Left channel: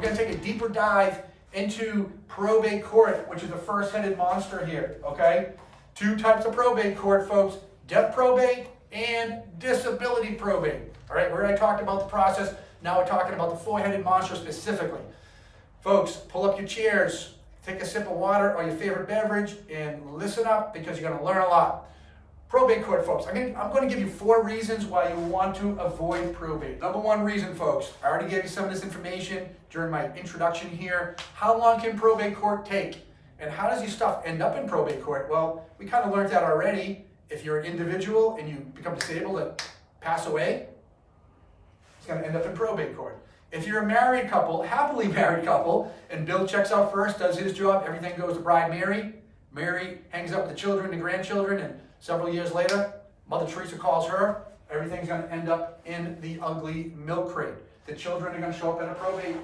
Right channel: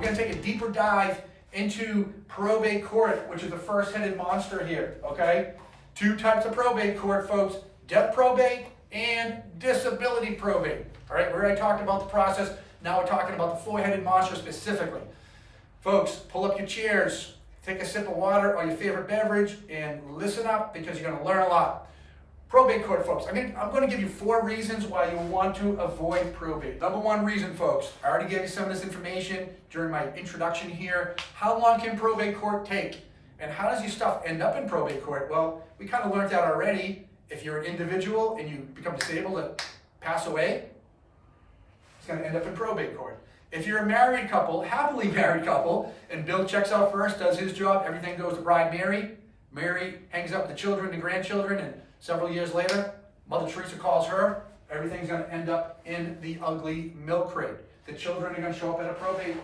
we're going to take a deeper dive into probate court, which is the first-headed monster here, okay? Two types of probate court, folks: death probate and disability probate. All right, we already talked about the process. Now we're talking about the four-headed monster specifically. Folks, pull up your chairs, take a sip of water or your favorite beverage, and listen up because you're going to learn a lot. Probate court, folks. I'm going to give you 4 reasons why you want to avoid probate. Number 1 reason, folks, I already gave you some of this information during my introduction here. How long can probate court take? And how does your stuff end up in probate court? Well, we kind of learned that already. If you're an individual and you become disabled and pass away, it's going to end up in probate court. If you're a married couple, happily married couple, and Bill checks out first, does his job, everything goes to bride Mary. Mary hangs up with the children and grandchildren, and several years later, Mother Teresa calls her. Everything's going to end up in the ugly milk crate. The children are going to show up at a probate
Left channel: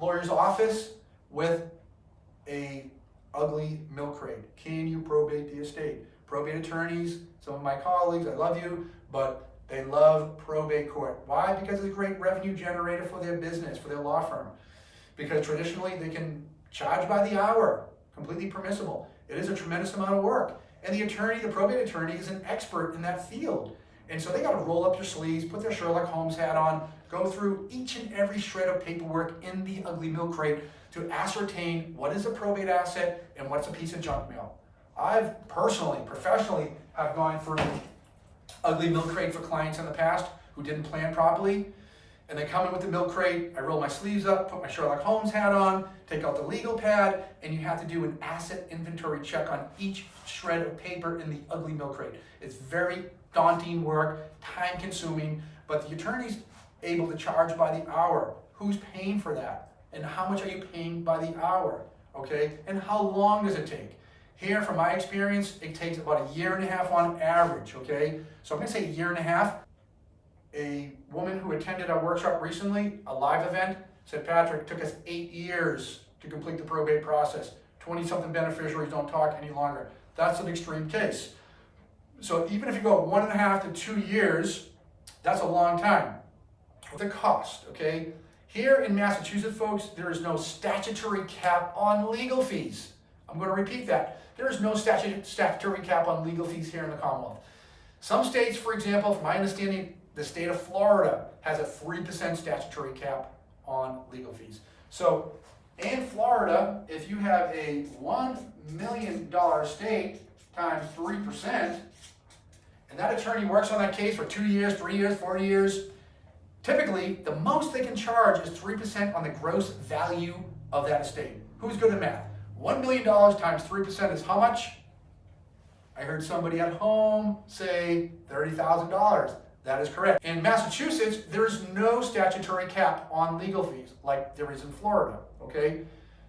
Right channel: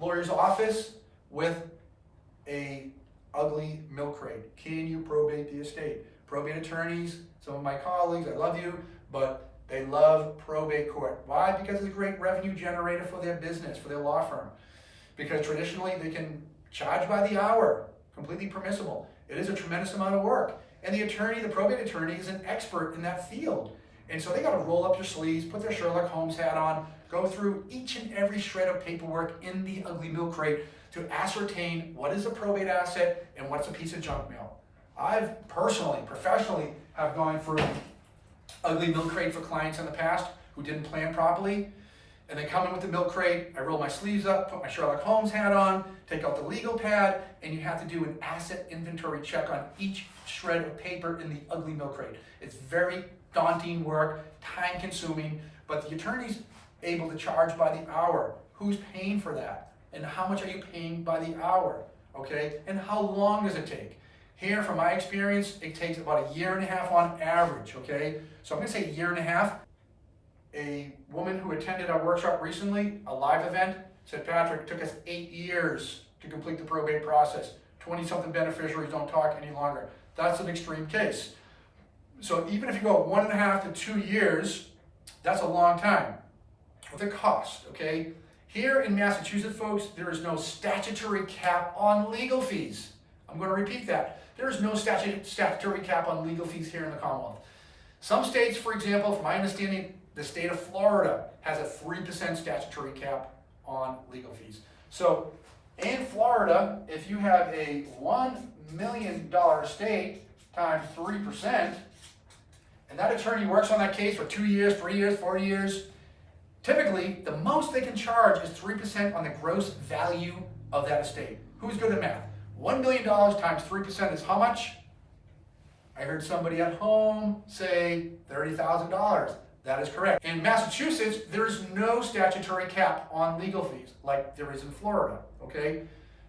lawyer's office with a ugly milk crate. Can you probate the estate? Probate attorneys, some of my colleagues, I love you, but they love probate court. Why? Because it's a great revenue generator for their business, for their law firm. Because traditionally they can charge by the hour, completely permissible. It is a tremendous amount of work. And the attorney, the probate attorney, is an expert in that field. And so they got to roll up their sleeves, put their Sherlock Holmes hat on, go through each and every shred of paperwork in the ugly milk crate to ascertain what is a probate asset and what's a piece of junk mail. I've personally, professionally, have gone through ugly milk crate for clients in the past who didn't plan properly. And they come in with the milk crate, I roll my sleeves up, put my Sherlock Holmes hat on, take out the legal pad, and you have to do an asset inventory check on each shred of paper in the ugly milk crate. It's very daunting work, time consuming, but the attorney's able to charge by the hour. Who's paying for that? And how much are you paying by the hour? Okay? And how long does it take? Here, from my experience, it takes about 1.5 years on average, okay? So I'm gonna say 1.5 years. A woman who attended our workshop recently, a live event, said, Patrick, it took us 8 years to complete the probate process. 20-something beneficiaries don't talk any longer. That's an extreme case. So even if you go 1.5 to 2 years, that's a long time with a cost, okay? Here in Massachusetts, folks, there is no statutory cap on legal fees. I'm going to repeat that. There is no statutory cap on legal fees here in the Commonwealth. Some states, for example, from my understanding, the state of Florida has a 3% statutory cap on legal fees. So in Florida, if you have a $1 million estate times 3%, and that attorney works on that case for 2 years, 3 years, 4 years, typically the most they can charge is 3% on the gross value of that estate. Who's good at math? $1 million times 3% is how much? I heard somebody at home say $30,000. That is correct. In Massachusetts, there is no statutory cap on legal fees like there is in Florida, okay?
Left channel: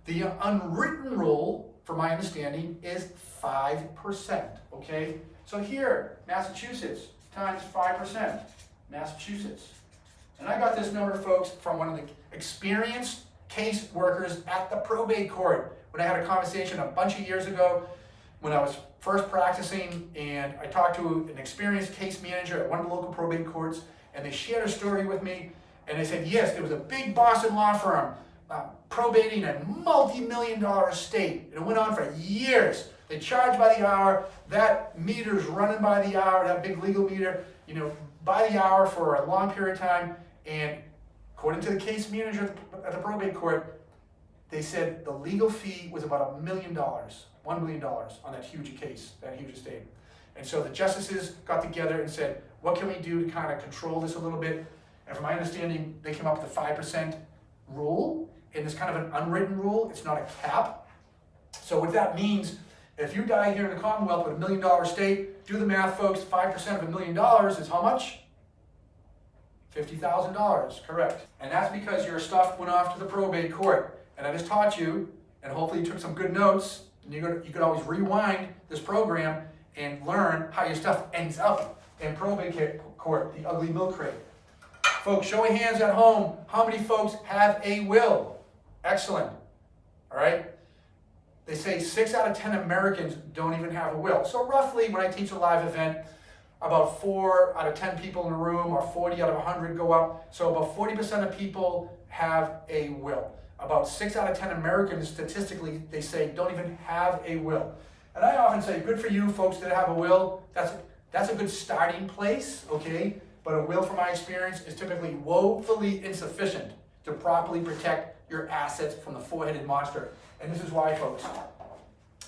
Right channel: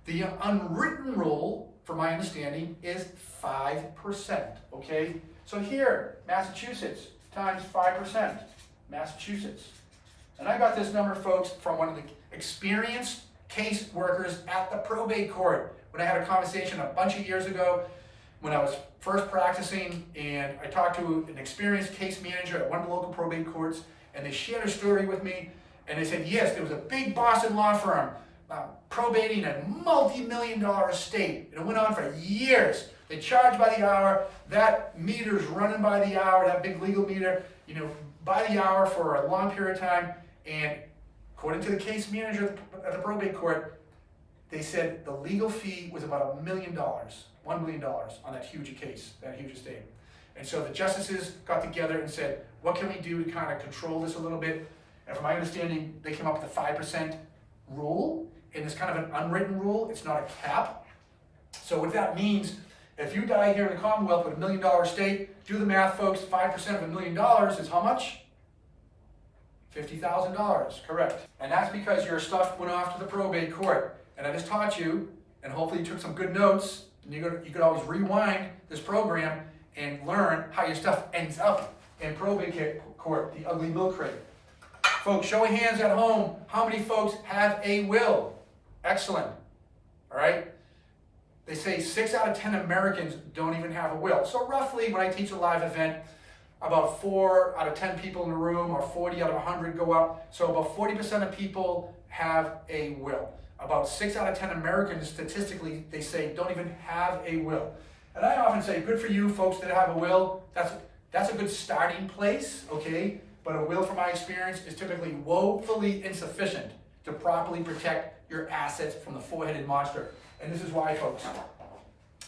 The unwritten rule, from my understanding, is 5%, okay? So here, Massachusetts times 5%, Massachusetts. And I got this number, folks, from one of the experienced case workers at the probate court when I had a conversation a bunch of years ago when I was first practicing, and I talked to an experienced case manager at one of the local probate courts, and they shared a story with me, and they said, yes, there was a big Boston law firm probating a multi-million-dollar estate, and it went on for years. They charged by the hour. That meter's running by the hour, that big legal meter, by the hour for a long period of time, and according to the case manager at the probate court, they said the legal fee was about $1 million. $1 million on that huge case, that huge estate. And so the justices got together and said, what can we do to kind of control this a little bit? And from my understanding, they came up with a 5% rule, and it's kind of an unwritten rule. It's not a cap. So what that means, if you die here in the Commonwealth with $1 million estate, do the math, folks, 5% of $1 million is how much? $50,000, correct. And that's because your stuff went off to the probate court. And I just taught you, and hopefully you took some good notes, and you could always rewind this program and learn how your stuff ends up in probate court, the ugly milk crate. Folks, show of hands at home, how many folks have a will? Excellent, all right? They say 6 out of 10 Americans don't even have a will. So roughly, when I teach a live event, about 4 out of 10 people in the room, or 40 out of 100 go up. So about 40% of people have a will. about 6 out of 10 Americans, statistically, they say don't even have a will. And I often say, good for you folks that have a will. That's a good starting place, okay? But a will, from my experience, is typically woefully insufficient to properly protect your assets from the four-headed monster. And this is why, folks,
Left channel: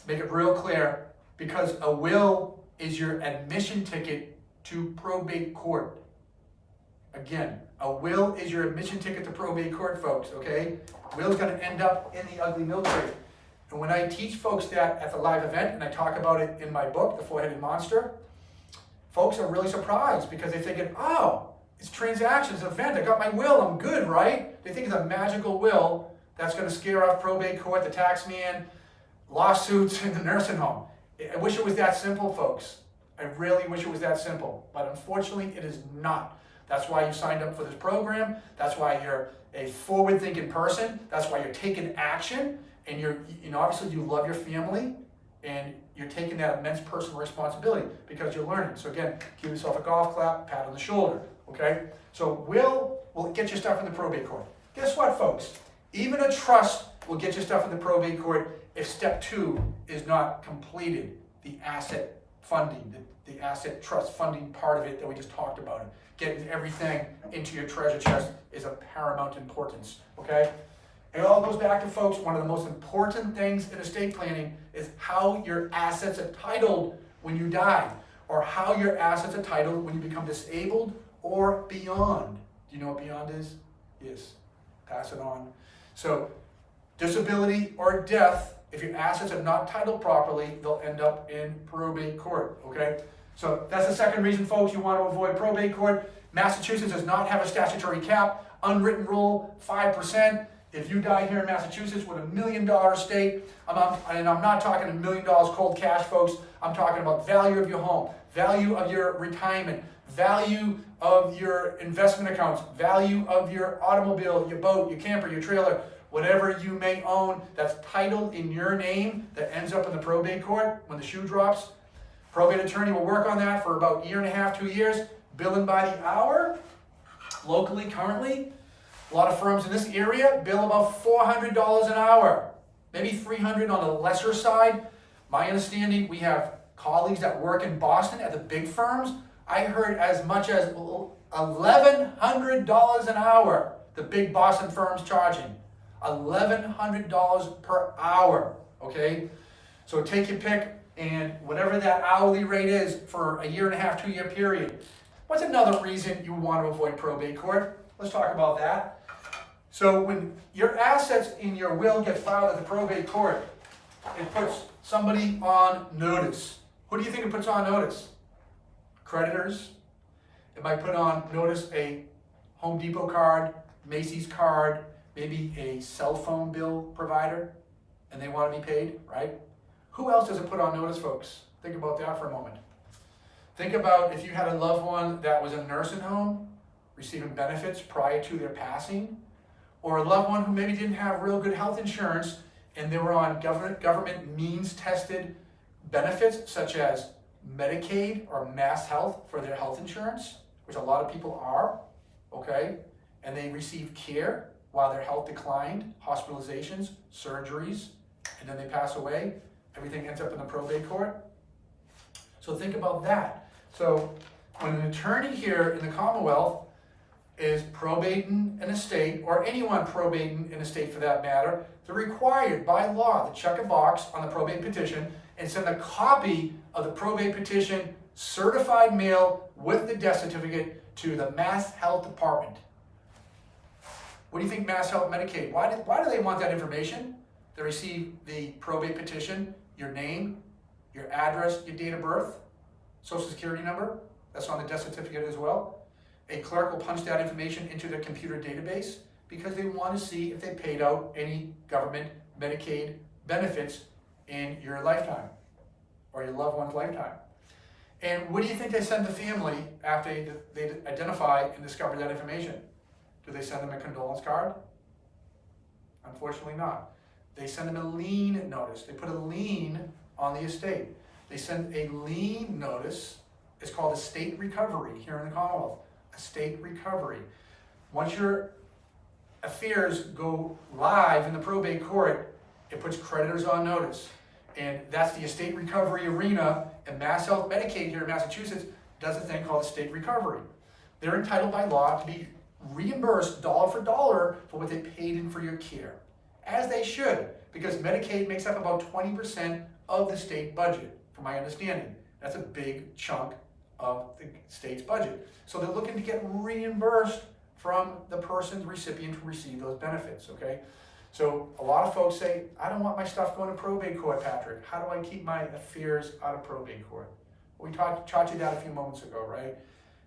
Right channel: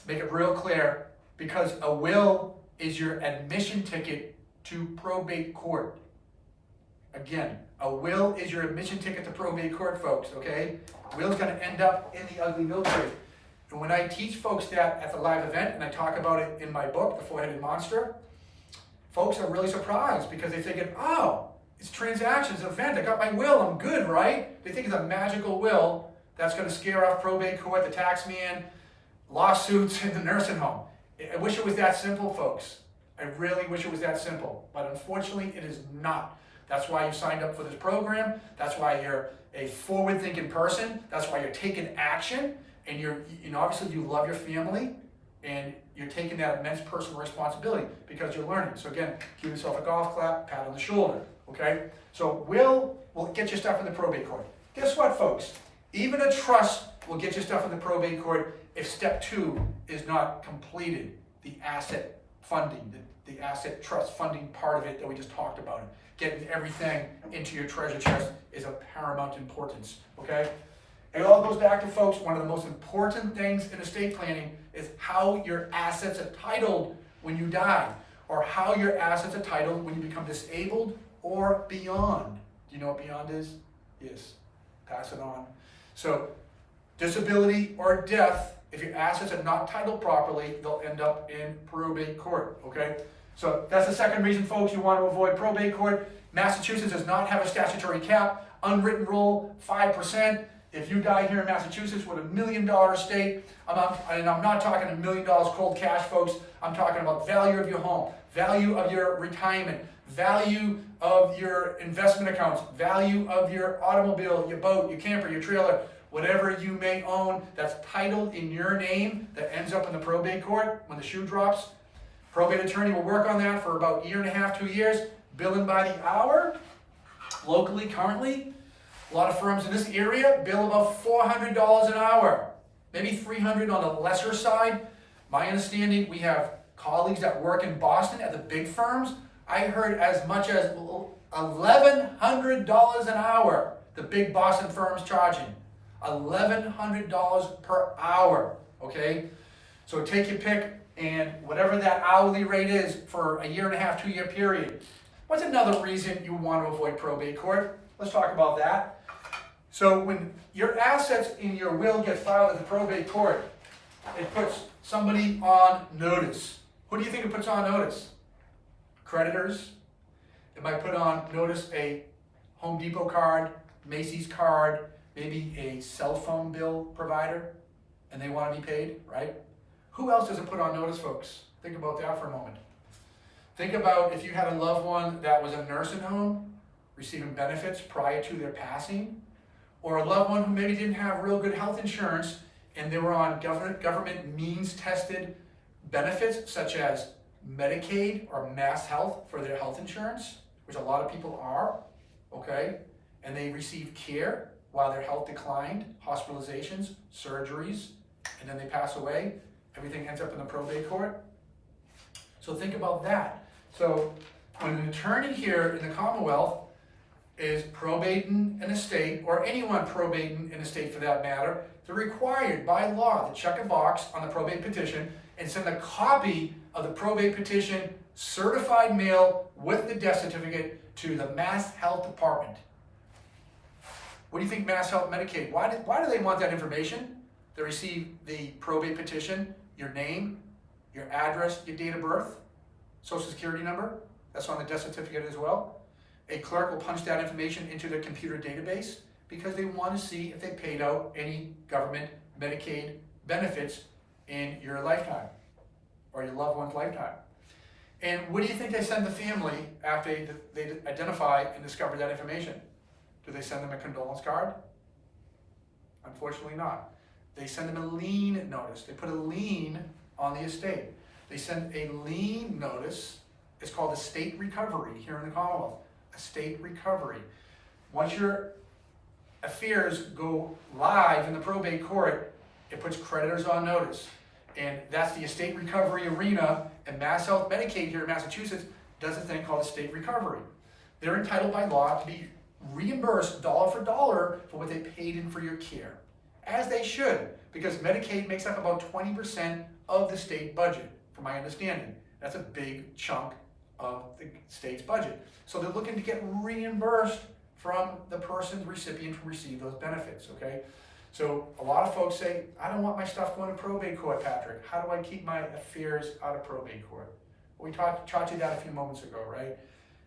make it real clear, because a will is your admission ticket to probate court. Again, a will is your admission ticket to probate court, folks, okay? Will's gonna end up in the ugly milk crate. And when I teach folks that at the live event, and I talk about it in my book, The Four-Headed Monster, folks are really surprised because they think, oh, it's transactions, an event, I got my will, I'm good, right? They think it's a magical will that's gonna scare off probate court, the tax man, lawsuits, and the nursing home. I wish it was that simple, folks. I really wish it was that simple, but unfortunately it is not. That's why you signed up for this program. That's why you're a forward-thinking person. That's why you're taking action, and obviously you love your family, and you're taking that immense personal responsibility because you're learning. So again, give yourself a golf clap, pat on the shoulder, okay? So will get your stuff in the probate court. Guess what, folks? Even a trust will get your stuff in the probate court if step 2 is not completed, the asset funding, the asset trust funding part of it that we just talked about. Getting everything into your treasure chest is of paramount importance, okay? It all goes back to, folks, one of the most important things in estate planning is how your assets are titled when you die, or how your assets are titled when you become disabled or beyond. Do you know what beyond is? Yes, pass it on. So disability or death, if your assets are not titled properly, they'll end up in probate court, okay? So that's the second reason, folks, you want to avoid probate court. Massachusetts does not have a statutory cap. Unwritten rule, 5%. If you die here in Massachusetts with $1 million estate, and I'm not talking $1 million cold cash, folks. I'm talking about value of your home, value of your retirement, value of your investment accounts, value of your automobile, your boat, your camper, your trailer, whatever you may own that's titled in your name that ends up in the probate court when the shoe drops. Probate attorney will work on that for about 1.5 to 2 years, billing by the hour. Locally, currently, a lot of firms in this area bill about $400 an hour, maybe $300 on the lesser side. My understanding, we have colleagues that work in Boston at the big firms. I heard as much as $1,100 an hour, the big Boston firms charging. $1,100 per hour, okay? So take your pick, and whatever that hourly rate is for a 1.5 to 2 year period. What's another reason you want to avoid probate court? Let's talk about that. So when your assets in your will get filed at the probate court, it puts somebody on notice. Who do you think it puts on notice? Creditors. It might put on notice a Home Depot card, Macy's card, maybe a cell phone bill provider, and they want to be paid, right? Who else does it put on notice, folks? Think about that for a moment. Think about if you had a loved one that was in a nursing home, receiving benefits prior to their passing, or a loved one who maybe didn't have real good health insurance and they were on government means-tested benefits such as Medicaid or Mass Health for their health insurance, which a lot of people are, okay? And they received care while their health declined, hospitalizations, surgeries, and then they pass away. Everything ends up in the probate court. So think about that. So when an attorney here in the Commonwealth is probating an estate, or anyone probating an estate for that matter, they're required by law to check a box on the probate petition and send a copy of the probate petition, certified mail with the death certificate, to the Mass Health Department. What do you think Mass Health Medicaid, why do they want that information? They receive the probate petition, your name, your address, your date of birth, social security number, that's on the death certificate as well. A clerk will punch that information into their computer database because they want to see if they paid out any government Medicaid benefits in your lifetime or your loved one's lifetime. And what do you think they send the family after they identify and discover that information? Do they send them a condolence card? Unfortunately not. They send them a lien notice. They put a lien on the estate. They send a lien notice. It's called estate recovery here in the Commonwealth. Estate recovery. Once your affairs go live in the probate court, it puts creditors on notice. And that's the estate recovery arena, and Mass Health Medicaid here in Massachusetts does a thing called estate recovery. They're entitled by law to be reimbursed dollar for dollar for what they paid in for your care, as they should, because Medicaid makes up about 20% of the state budget, from my understanding. That's a big chunk of the state's budget. So they're looking to get reimbursed from the person, recipient who received those benefits, okay? So a lot of folks say, I don't want my stuff going to probate court, Patrick. How do I keep my affairs out of probate court? Well, we taught you that a few moments ago, right?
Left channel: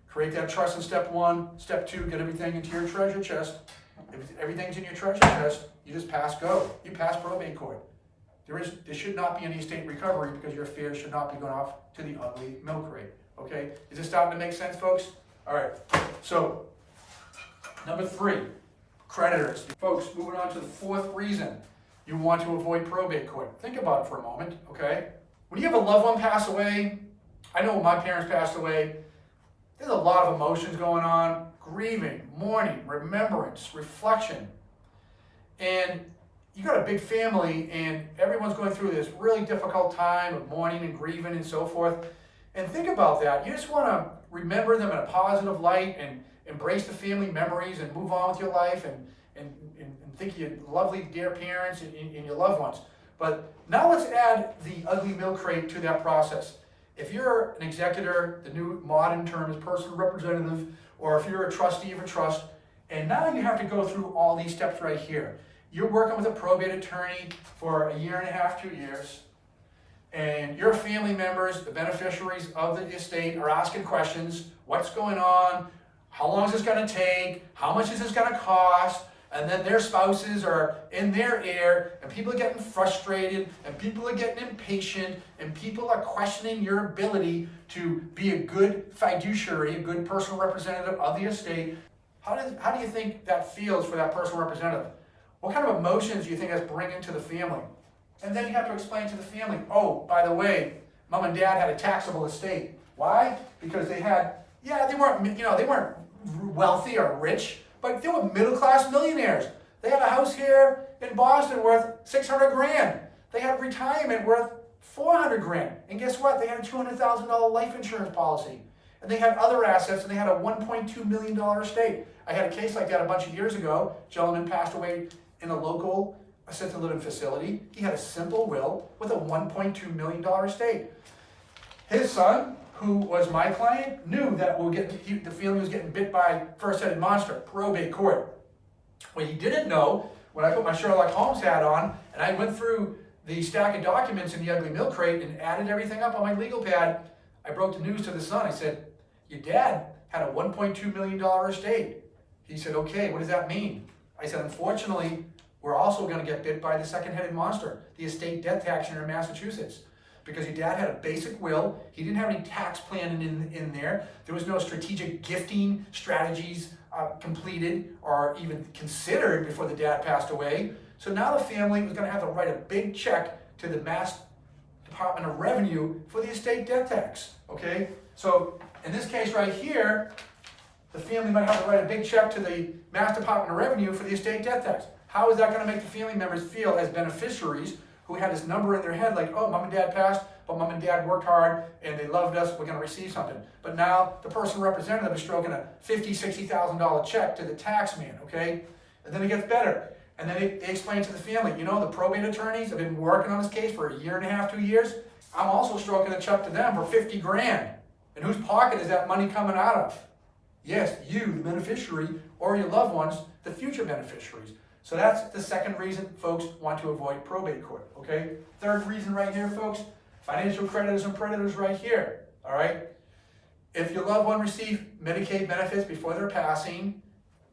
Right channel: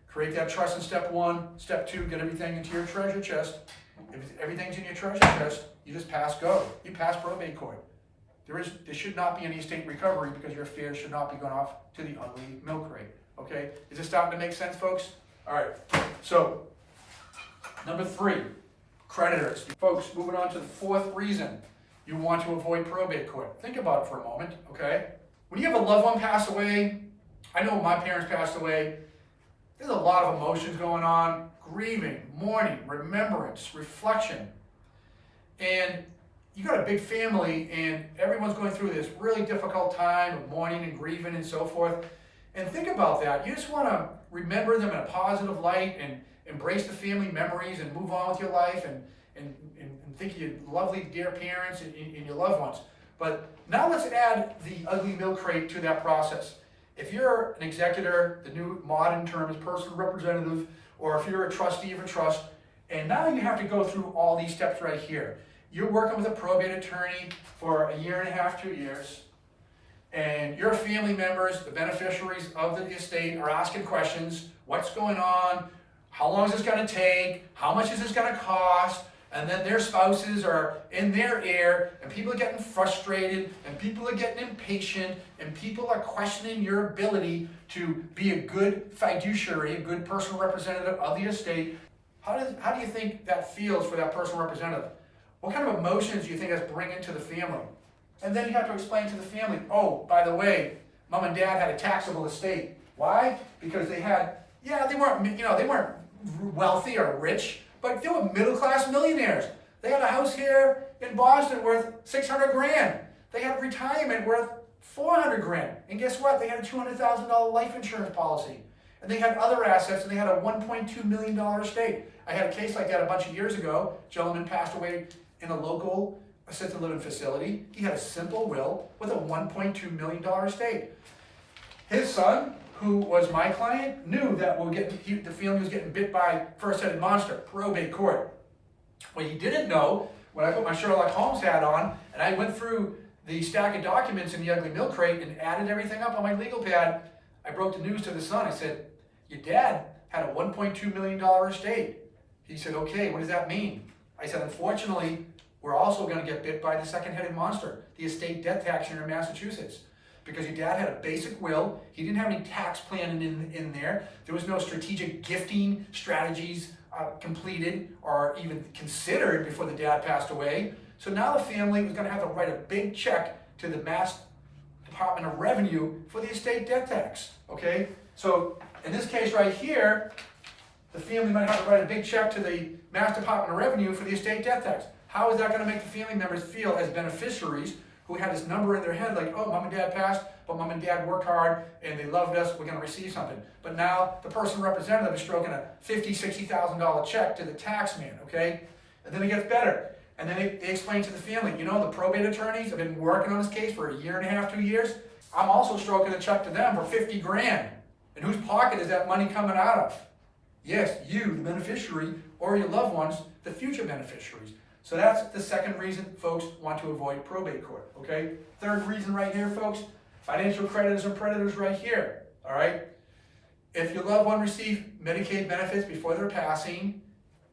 Create that trust in step 1. Step 2, get everything into your treasure chest. If everything's in your treasure chest, you just pass go. You pass probate court. There should not be any estate recovery because your affairs should not be going off to the ugly milk crate, okay? Is this starting to make sense, folks? All right, so number 3, creditors. Folks, moving on to the 4th reason you want to avoid probate court. Think about it for a moment, okay? When you have a loved one pass away, I know when my parents passed away, there's a lot of emotions going on, grieving, mourning, remembrance, reflection. And you got a big family and everyone's going through this really difficult time of mourning and grieving and so forth. And think about that. You just want to remember them in a positive light and embrace the family memories and move on with your life and think of your lovely dear parents and your loved ones. But now let's add the ugly milk crate to that process. If you're an executor, the new modern term is personal representative, or if you're a trustee of a trust, and now you have to go through all these steps right here. You're working with a probate attorney for 1.5 years, 2 years, and your family members, the beneficiaries of the estate, are asking questions. What's going on? How long is this going to take? How much is this going to cost? And then their spouses are in their ear, and people are getting frustrated, and people are getting impatient, and people are questioning your ability to be a good fiduciary, a good personal representative of the estate. How do you think that feels for that personal representative? What kind of emotions do you think that's bringing to the family? And then you have to explain to the family, oh, by the way, mom and dad had a taxable estate. Why? Because they weren't wealthy or rich, but they were middle-class millionaires. They had a house here in Boston worth 600 grand. They had retirement worth 400 grand. And guess what? They had a $200,000 life insurance policy. And they had other assets, and they had a $1.2 million estate. I had a case like that a bunch of years ago. A gentleman passed away in a local assisted living facility. He had a simple will with a $1.2 million estate. His son, who was my client, knew that the family was getting bit by first-headed monster, probate court. What he didn't know, when I put my Sherlock Holmes hat on, and I went through the stack of documents in the ugly milk crate and added everything up on my legal pad, I broke the news to the son. I said, your dad had a $1.2 million estate. He said, okay, what does that mean? I said, unfortunately, we're also going to get bit by the second-headed monster, the estate death tax here in Massachusetts. Because your dad had a basic will. He didn't have any tax planning in there. There was no strategic gifting strategies completed or even considered before the dad passed away. So now the family was going to have to write a big check to the Mass Department of Revenue for the estate death tax, okay? So in this case right here, the family might have to write a big check to the Mass Department of Revenue for the estate death tax. How is that going to make the family members feel as beneficiaries who had this number in their head like, oh, mom and dad passed, but mom and dad worked hard and they loved us, we're going to receive something. But now the personal representative is stroking a $50,000, $60,000 check to the tax man, okay? And then it gets better. And then they explain to the family, you know, the probate attorneys have been working on this case for 1.5 years, 2 years. I'm also stroking a check to them for 50 grand. And whose pocket is that money coming out of? Yes, you, the beneficiary, or your loved ones, the future beneficiaries. So that's the second reason folks want to avoid probate court, okay? Third reason right here, folks, financial creditors and predators right here, all right? If your loved one received Medicaid benefits before their passing,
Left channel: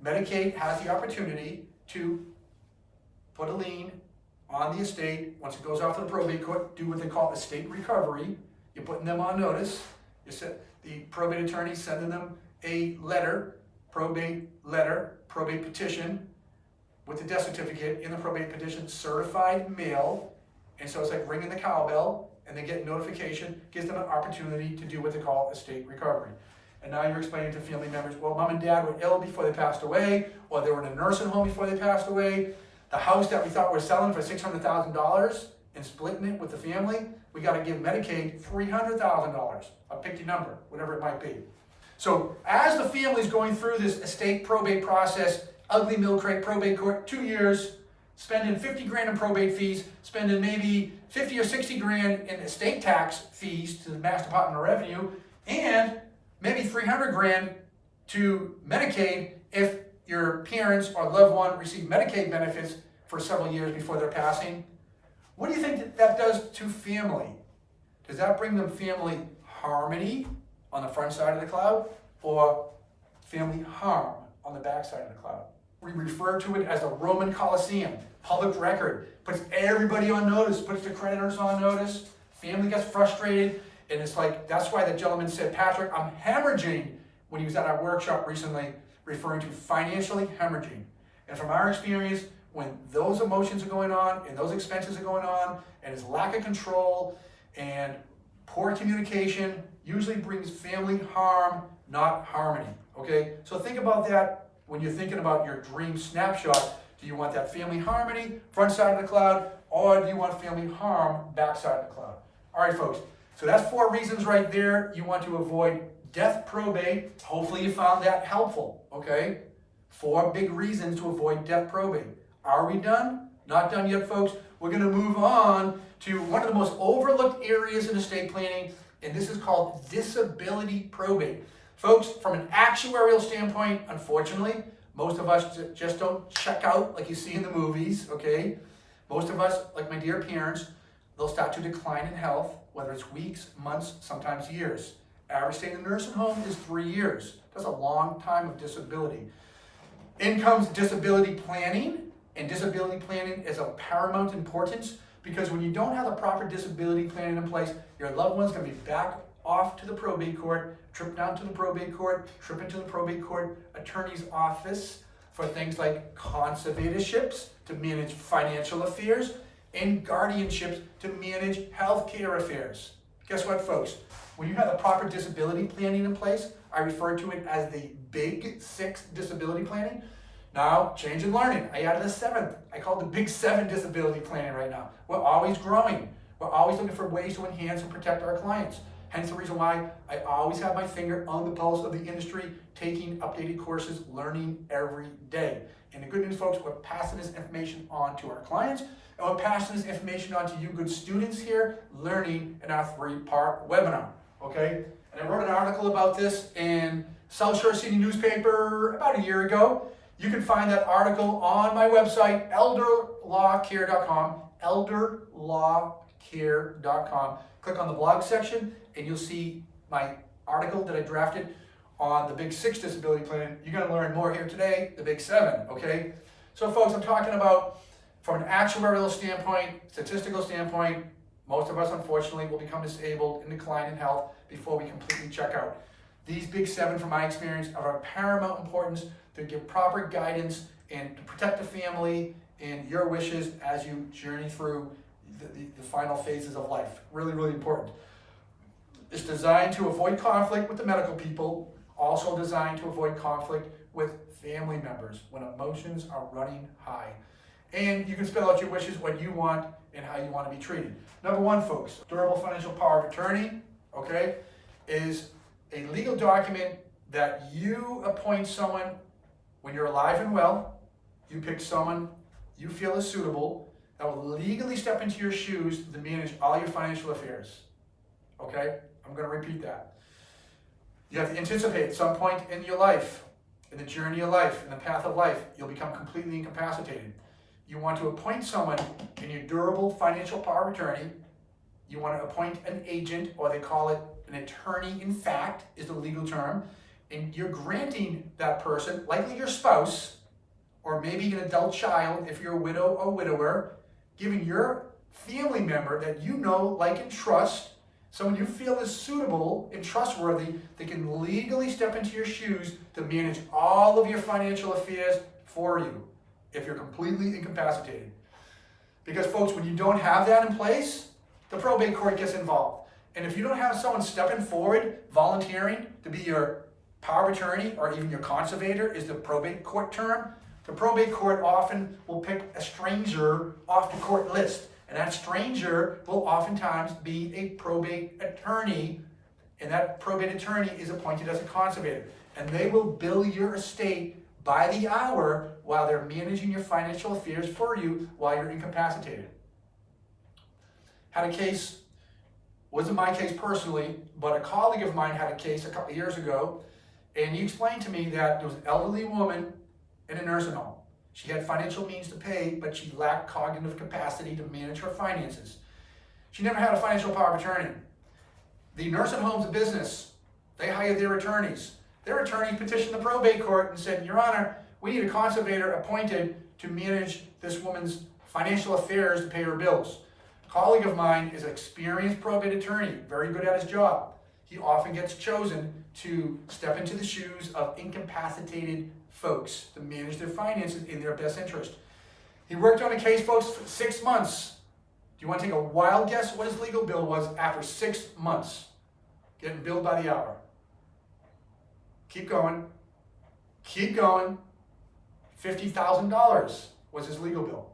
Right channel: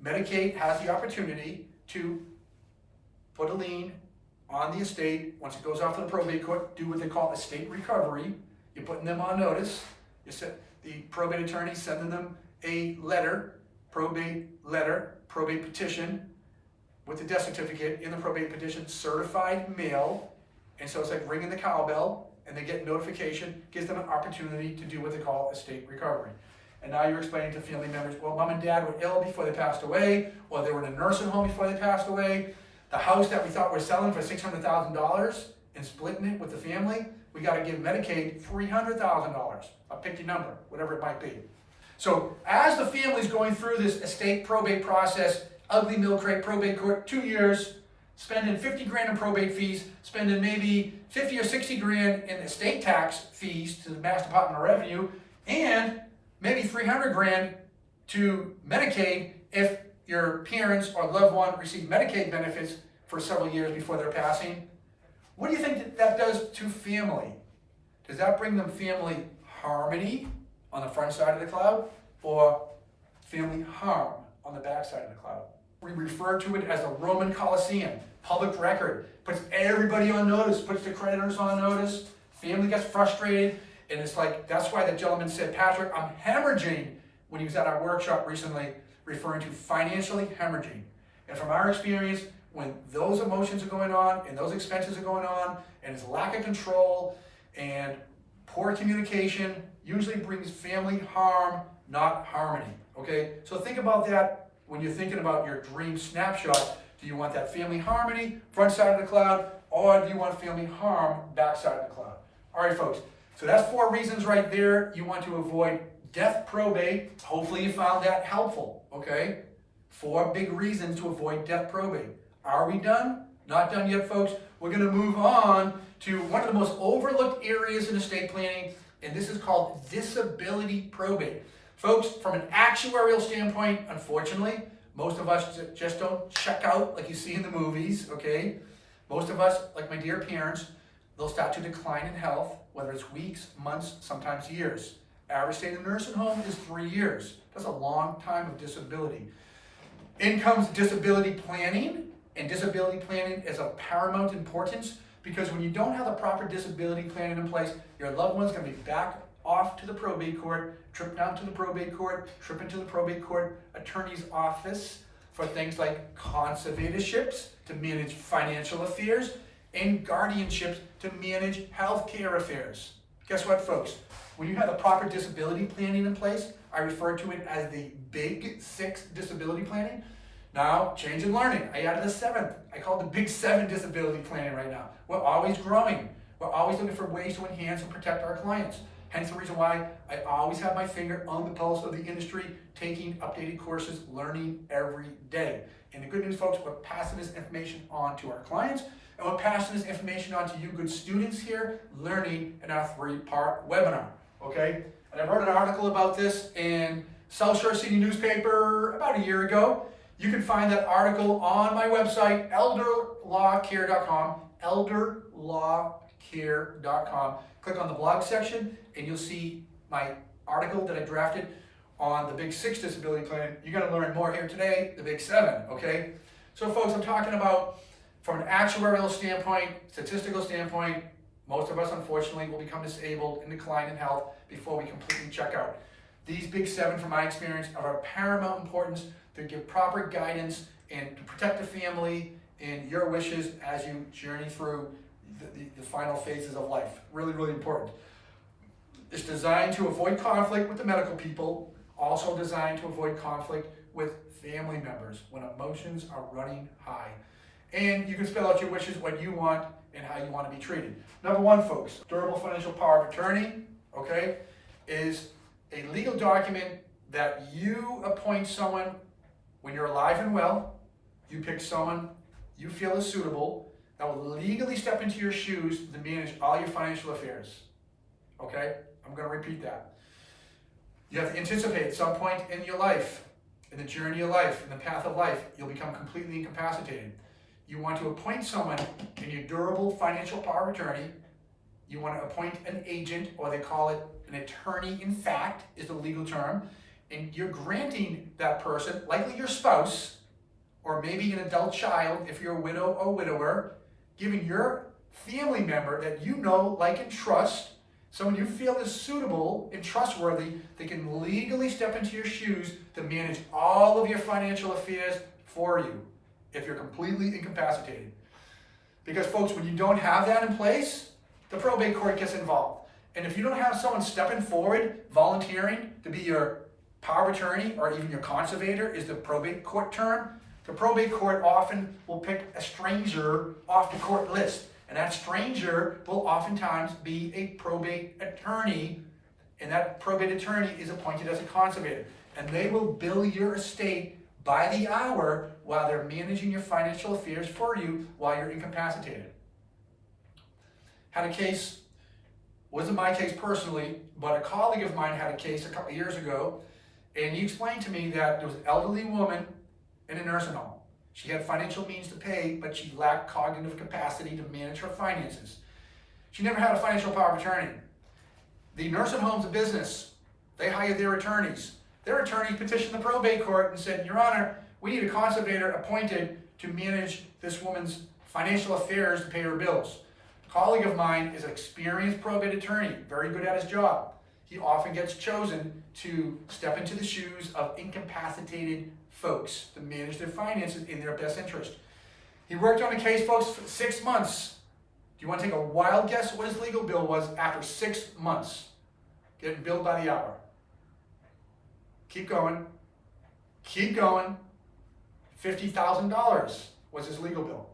Medicaid has the opportunity to put a lien on the estate. Once it goes off to the probate court, do what they call estate recovery. You're putting them on notice. The probate attorney sending them a letter, probate petition, with the death certificate in the probate petition, certified mail. And so it's like ringing the cowbell, and they get notification, gives them an opportunity to do what they call estate recovery. and now you're explaining to family members, well, mom and dad were ill before they passed away, or they were in a nursing home before they passed away. The house that we thought we were selling for $600,000 and splitting it with the family, we got to give Medicaid $300,000. I'll pick your number, whatever it might be. So as the family's going through this estate probate process, ugly milk crate probate court, 2 years, spending 50 grand in probate fees, spending maybe 50 or 60 grand in estate tax fees to the Mass Department of Revenue, and maybe 300 grand to Medicaid if your parents or loved one receive Medicaid benefits for several years before their passing. What do you think that does to family? Does that bring them family harmony on the front side of the cloud, or family harm on the back side of the cloud? We refer to it as the Roman Colosseum, public record, puts everybody on notice, puts the creditors on notice, family gets frustrated, and it's like, that's why the gentleman said, Patrick, I'm hemorrhaging, when he was at our workshop recently, referring to financially hemorrhaging. And from our experience, when those emotions are going on, and those expenses are going on, and it's lack of control, and poor communication, usually brings family harm, not harmony, okay? So think about that when you're thinking about your dream snapshot. Do you want that family harmony, front side of the cloud, or do you want family harm, back side of the cloud? All right, folks, so that's 4 reasons right there you want to avoid death probate. Hopefully you found that helpful, okay? 4 big reasons to avoid death probate. Are we done? Not done yet, folks. We're going to move on to one of the most overlooked areas in estate planning, and this is called disability probate. Folks, from an actuarial standpoint, unfortunately, most of us just don't check out like you see in the movies, okay? Most of us, like my dear parents, they'll start to decline in health, whether it's weeks, months, sometimes years. Average stay in the nursing home is 3 years. That's a long time of disability. In comes disability planning, and disability planning is of paramount importance, because when you don't have the proper disability planning in place, your loved one's going to be back off to the probate court, trip down to the probate court, trip into the probate court attorney's office for things like conservatorships to manage financial affairs and guardianships to manage healthcare affairs. Guess what, folks? When you have the proper disability planning in place, I refer to it as the Big 6 disability planning. Now, change in learning. I added a 7th. I call it the Big 7 disability planning right now. We're always growing. We're always looking for ways to enhance and protect our clients. Hence the reason why I always have my finger on the pulse of the industry, taking updated courses, learning every day. And the good news, folks, we're passing this information on to our clients, and we're passing this information on to you good students here, learning in our 3-part webinar, okay? And I wrote an article about this in South Shore City newspaper about a year ago. You can find that article on my website, elderlawcare.com, elderlawcare.com. Click on the blog section, and you'll see my article that I drafted on the Big 6 disability plan. You're going to learn more here today, the Big 7, okay? So, folks, I'm talking about from an actuarial standpoint, statistical standpoint, most of us, unfortunately, will become disabled and decline in health before we completely check out. These Big 7, from my experience, are of paramount importance to give proper guidance and to protect the family and your wishes as you journey through the final phases of life. Really, really important. It's designed to avoid conflict with the medical people, also designed to avoid conflict with family members when emotions are running high. And you can spell out your wishes, what you want, and how you want to be treated. Number 1, folks, durable financial power of attorney, okay, is a legal document that you appoint someone when you're alive and well. You pick someone you feel is suitable that will legally step into your shoes to manage all your financial affairs. Okay? I'm going to repeat that. You have to anticipate at some point in your life, in the journey of life, in the path of life, you'll become completely incapacitated. You want to appoint someone in your durable financial power of attorney. You want to appoint an agent, or they call it an attorney in fact, is the legal term. And you're granting that person, likely your spouse, or maybe an adult child if you're a widow or widower, giving your family member that you know, like, and trust, someone you feel is suitable and trustworthy, they can legally step into your shoes to manage all of your financial affairs for you if you're completely incapacitated. Because, folks, when you don't have that in place, the probate court gets involved. And if you don't have someone stepping forward, volunteering to be your Power of attorney, or even your conservator, is the probate court term. The probate court often will pick a stranger off the court list, and that stranger will oftentimes be a probate attorney, and that probate attorney is appointed as a conservator, and they will bill your estate by the hour while they're managing your financial affairs for you while you're incapacitated. Had a case, wasn't my case personally, but a colleague of mine had a case a couple of years ago, and he explained to me that there was an elderly woman in a nursing home. She had financial means to pay, but she lacked cognitive capacity to manage her finances. She never had a financial power of attorney. The nursing home's a business. They hired their attorneys. Their attorney petitioned the probate court and said, Your Honor, we need a conservator appointed to manage this woman's financial affairs to pay her bills. A colleague of mine is an experienced probate attorney, very good at his job. He often gets chosen to step into the shoes of incapacitated folks to manage their finances in their best interest. He worked on a case, folks, for 6 months. Do you want to take a wild guess what his legal bill was after 6 months? Getting billed by the hour. Keep going. Keep going. $50,000 was his legal bill.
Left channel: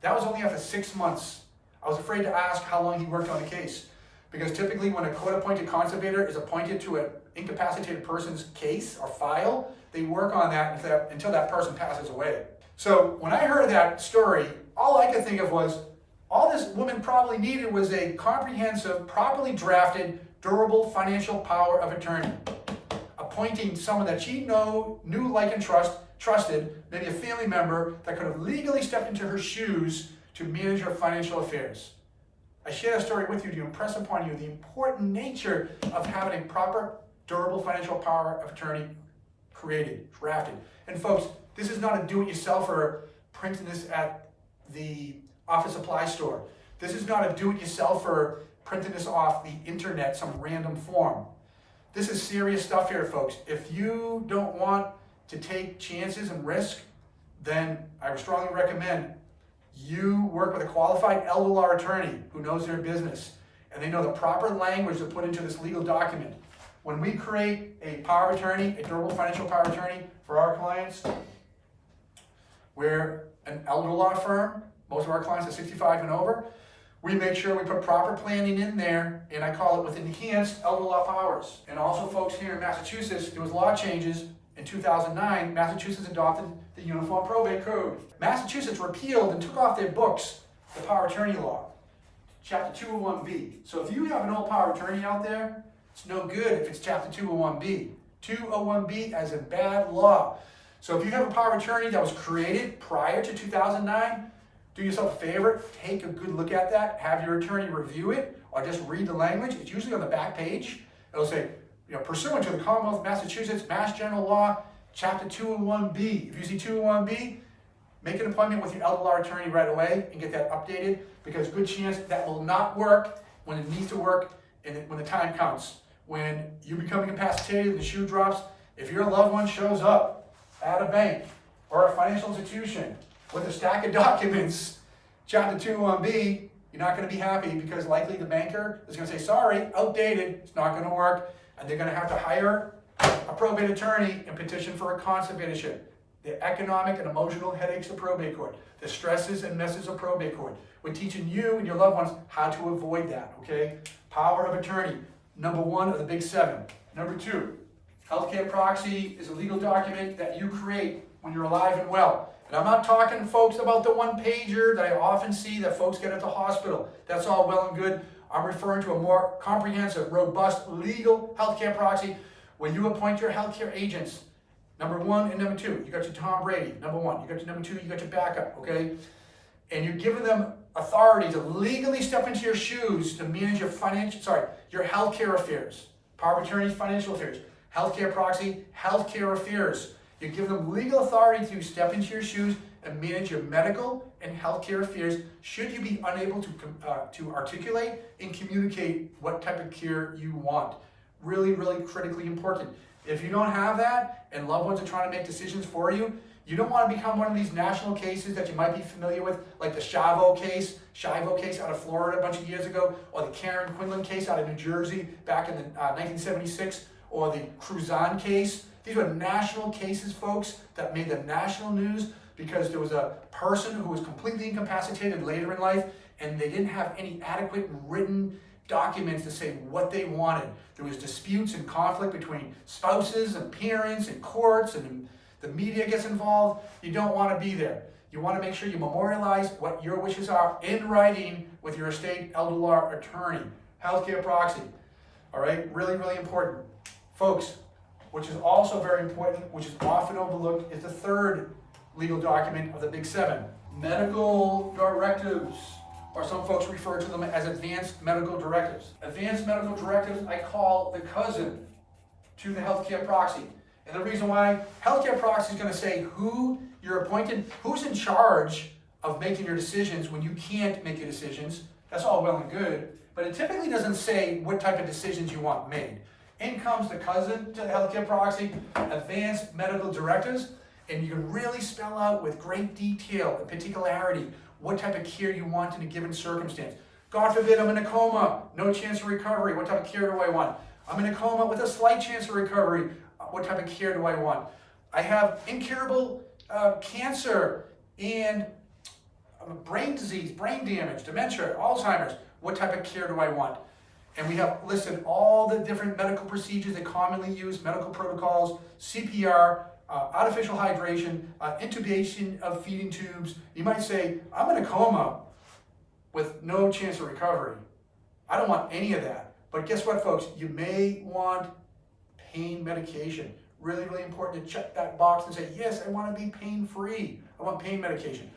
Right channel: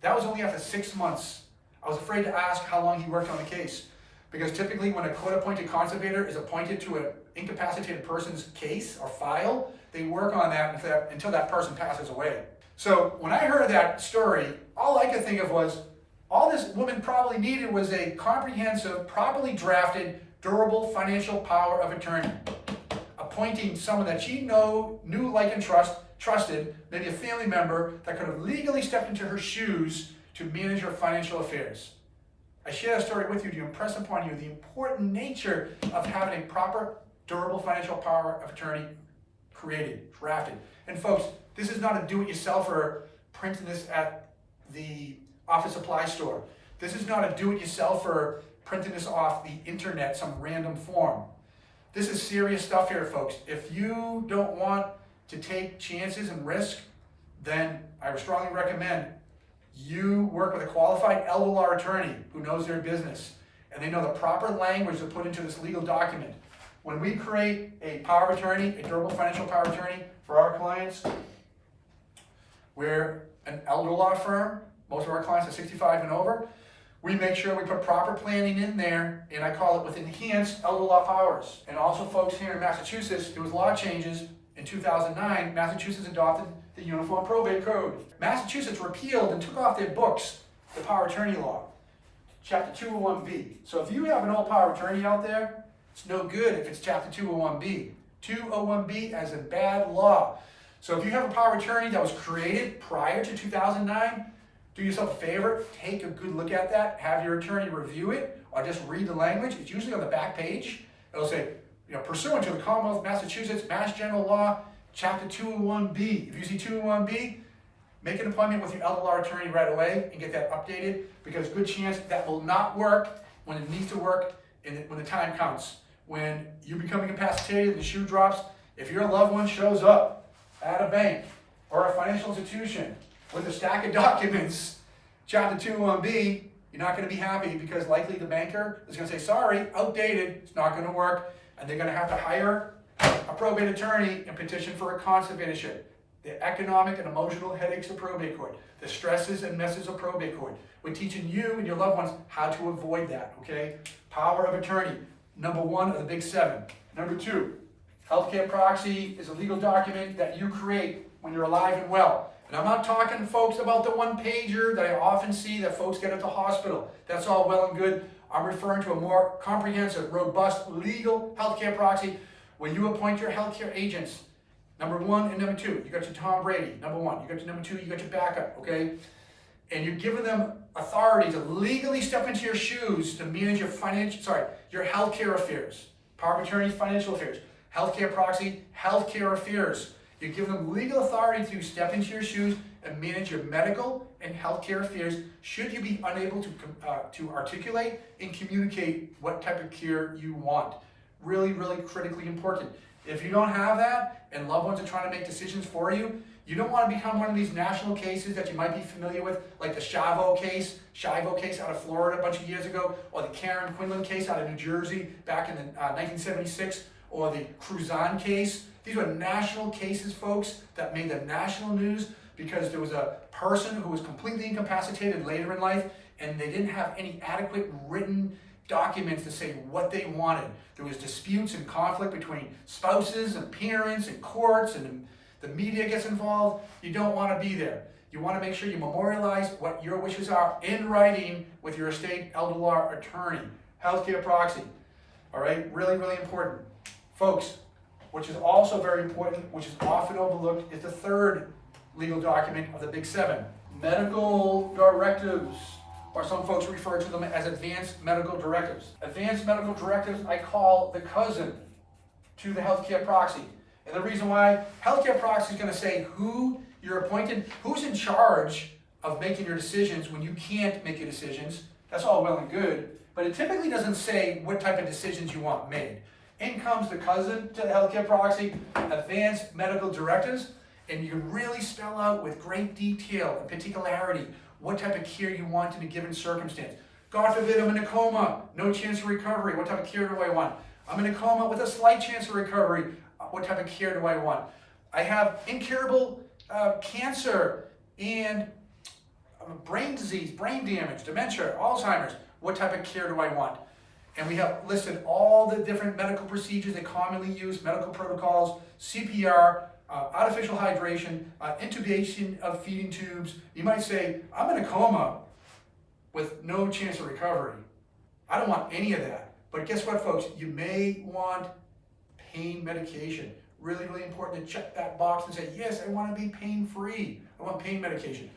That was only after 6 months. I was afraid to ask how long he worked on the case, because typically when a court-appointed conservator is appointed to an incapacitated person's case or file, they work on that until that person passes away. So when I heard that story, all I could think of was, all this woman probably needed was a comprehensive, properly drafted, durable financial power of attorney. Appointing someone that she knew, like, and trusted, maybe a family member that could have legally stepped into her shoes to manage her financial affairs. I share that story with you to impress upon you the important nature of having a proper, durable financial power of attorney created, drafted. And folks, this is not a do-it-yourselfer printing this at the office supply store. This is not a do-it-yourselfer printing this off the internet, some random form. This is serious stuff here, folks. If you don't want to take chances and risk, then I would strongly recommend you work with a qualified elder law attorney who knows their business, and they know the proper language to put into this legal document. When we create a power of attorney, a durable financial power of attorney for our clients, we're an elder law firm. Most of our clients are 65 and over. We make sure we put proper planning in there, and I call it with enhanced elder law powers. And also, folks, here in Massachusetts, there was law changes in 2009. Massachusetts adopted the Uniform Probate Code. Massachusetts repealed and took off their books the power of attorney law, Chapter 201B. So if you have an old power of attorney out there, it's no good if it's Chapter 201B. 201B as in bad law. So if you have a power of attorney that was created prior to 2009, do yourself a favor, take a good look at that, have your attorney review it, or just read the language. It's usually on the back page. It'll say, pursuant to the Commonwealth of Massachusetts, Mass General Law, Chapter 201B. If you see 201B, make an appointment with your elder law attorney right away and get that updated, because good chance that will not work when it needs to work and when the time comes. When you become incapacitated and the shoe drops, if your loved one shows up at a bank or a financial institution with a stack of documents, Chapter 201B, you're not going to be happy, because likely the banker is going to say, sorry, outdated, it's not going to work, and they're going to have to hire a probate attorney and petition for a conservatorship. The economic and emotional headaches of probate court, the stresses and messes of probate court. We're teaching you and your loved ones how to avoid that, okay? Power of attorney, number 1 of the big 7. Number 2, healthcare proxy is a legal document that you create when you're alive and well. And I'm not talking, folks, about the one-pager that I often see that folks get at the hospital. That's all well and good. I'm referring to a more comprehensive, robust, legal healthcare proxy where you appoint your healthcare agents. Number 1 and number 2, you got your Tom Brady. Number 1, you got your number 2, you got your backup, okay? And you're giving them authority to legally step into your shoes to manage your your healthcare affairs. Power of attorney, financial affairs. Healthcare proxy, healthcare affairs. You're giving them legal authority to step into your shoes and manage your medical and healthcare affairs should you be unable to articulate and communicate what type of care you want. Really, really critically important. If you don't have that and loved ones are trying to make decisions for you, you don't want to become one of these national cases that you might be familiar with, like the Shivo case out of Florida a bunch of years ago, or the Karen Quinlan case out of New Jersey back in 1976, or the Cruzan case. These were national cases, folks, that made the national news because there was a person who was completely incapacitated later in life, and they didn't have any adequate written documents to say what they wanted. There was disputes and conflict between spouses and parents and courts, and the media gets involved. You don't want to be there. You want to make sure you memorialize what your wishes are in writing with your estate elder law attorney. Healthcare proxy. All right, really, really important. Folks, which is also very important, which is often overlooked, is the third legal document of the Big Seven. Medical directives, or some folks refer to them as advanced medical directives. Advanced medical directives I call the cousin to the healthcare proxy. And the reason why, healthcare proxy is going to say who you're appointed, who's in charge of making your decisions when you can't make your decisions. That's all well and good, but it typically doesn't say what type of decisions you want made. In comes the cousin to the healthcare proxy, advanced medical directives, and you can really spell out with great detail and particularity what type of care you want in a given circumstance. God forbid I'm in a coma, no chance of recovery, what type of care do I want? I'm in a coma with a slight chance of recovery, what type of care do I want? I have incurable cancer and brain disease, brain damage, dementia, Alzheimer's, what type of care do I want? And we have listed all the different medical procedures they commonly use, medical protocols, CPR, artificial hydration, intubation of feeding tubes. You might say, I'm in a coma with no chance of recovery. I don't want any of that. But guess what, folks? You may want pain medication. Really, really important to check that box and say, yes, I want to be pain-free. I want pain medication.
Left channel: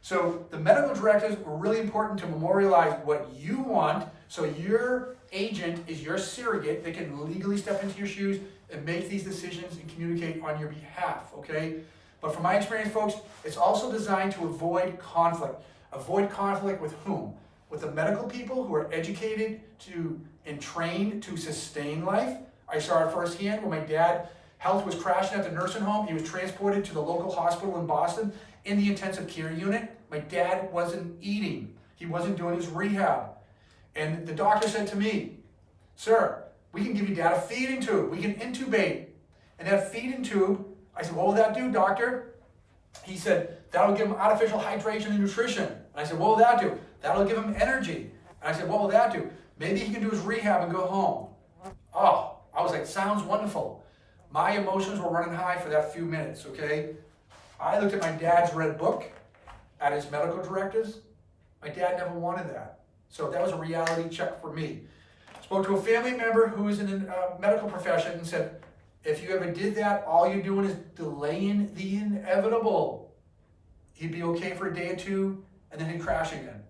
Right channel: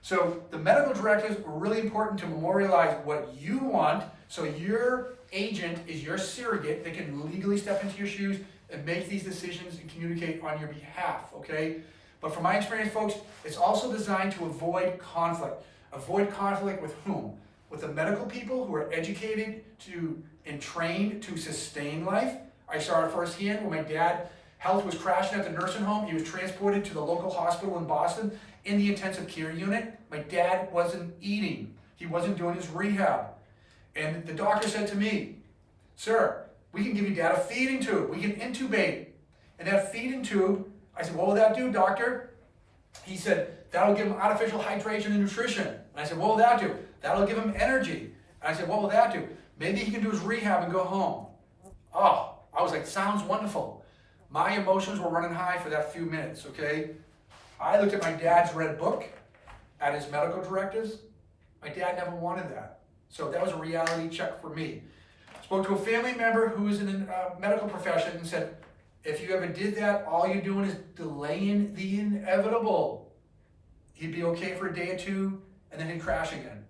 So the medical directives are really important to memorialize what you want, so your agent is your surrogate. They can legally step into your shoes and make these decisions and communicate on your behalf, okay? But from my experience, folks, it's also designed to avoid conflict. Avoid conflict with whom? With the medical people who are educated to and trained to sustain life. I saw it firsthand when my dad, health was crashing at the nursing home. He was transported to the local hospital in Boston in the intensive care unit. My dad wasn't eating. He wasn't doing his rehab. And the doctor said to me, sir, we can give you dad a feeding tube. We can intubate. And that feeding tube, I said, what will that do, doctor? He said, that'll give him artificial hydration and nutrition. And I said, what will that do? That'll give him energy. And I said, what will that do? Maybe he can do his rehab and go home. Oh, I was like, sounds wonderful. My emotions were running high for that few minutes, okay? I looked at my dad's red book, at his medical directives. My dad never wanted that. So that was a reality check for me. Spoke to a family member who is in the medical profession and said, if you ever did that, all you're doing is delaying the inevitable. He'd be okay for a day or two, and then he'd crash again.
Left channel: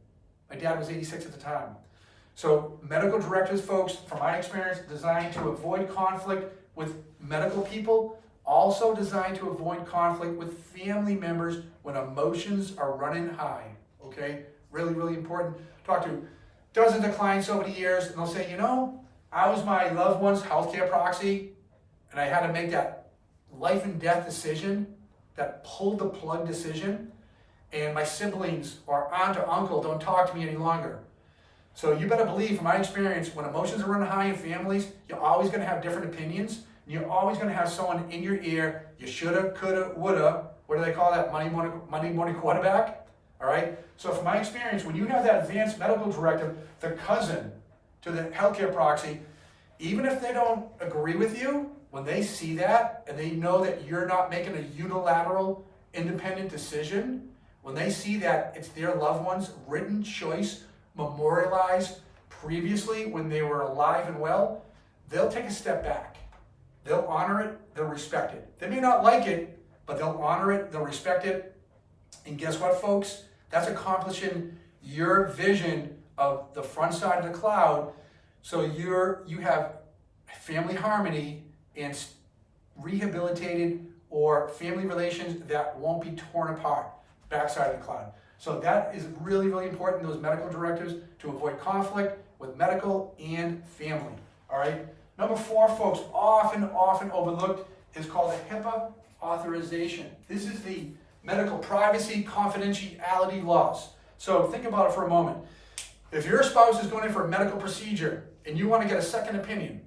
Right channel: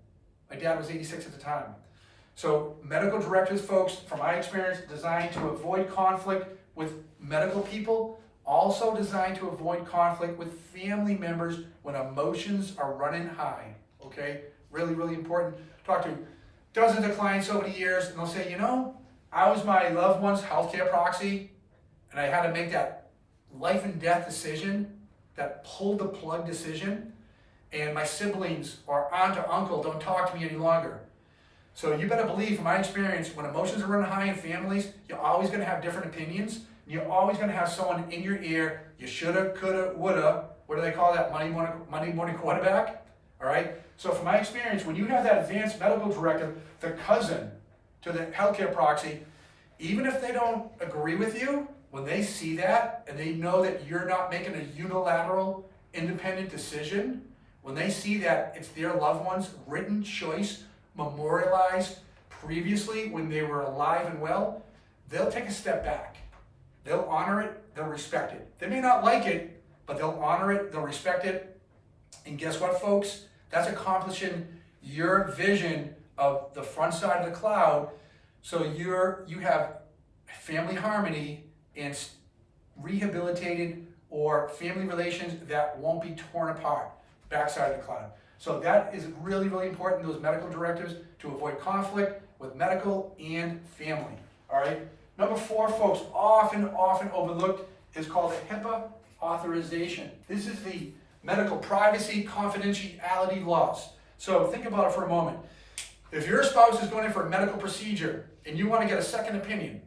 My dad was 86 at the time. So medical directives, folks, from my experience, designed to avoid conflict with medical people, also designed to avoid conflict with family members when emotions are running high, okay? Really, really important. Talk to dozens of clients over the years, and they'll say, you know, I was my loved one's healthcare proxy, and I had to make that life and death decision, that pull the plug decision, and my siblings or aunt or uncle don't talk to me any longer. So you better believe, from my experience, when emotions are running high in families, you're always going to have different opinions. And you're always going to have someone in your ear, you shoulda, coulda, woulda. What do they call that? Monday morning quarterback? All right? So from my experience, when you have that advanced medical directive, the cousin to the healthcare proxy, even if they don't agree with you, when they see that and they know that you're not making a unilateral, independent decision, when they see that it's their loved one's written choice, memorialized previously when they were alive and well, they'll take a step back. They'll honor it, they'll respect it. They may not like it, but they'll honor it, they'll respect it. And guess what, folks? That's accomplishing your vision of the front side of the cloud. So you have family harmony and rehabilitated or family relations that won't be torn apart, backside of the cloud. So that is really, really important, those medical directives, to avoid conflict with medical and family, all right? Number 4, folks, often overlooked, is called a HIPAA authorization. This is the medical privacy confidentiality laws. So think about it for a moment. If your spouse is going in for a medical procedure and you want to get a second opinion,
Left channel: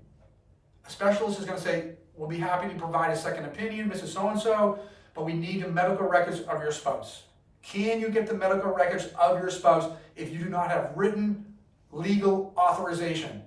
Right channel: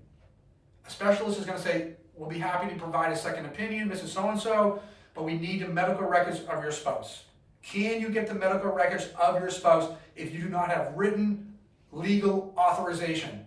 A specialist is going to say, we'll be happy to provide a second opinion, Mrs. So-and-so, but we need the medical records of your spouse. Can you get the medical records of your spouse if you do not have written legal authorization?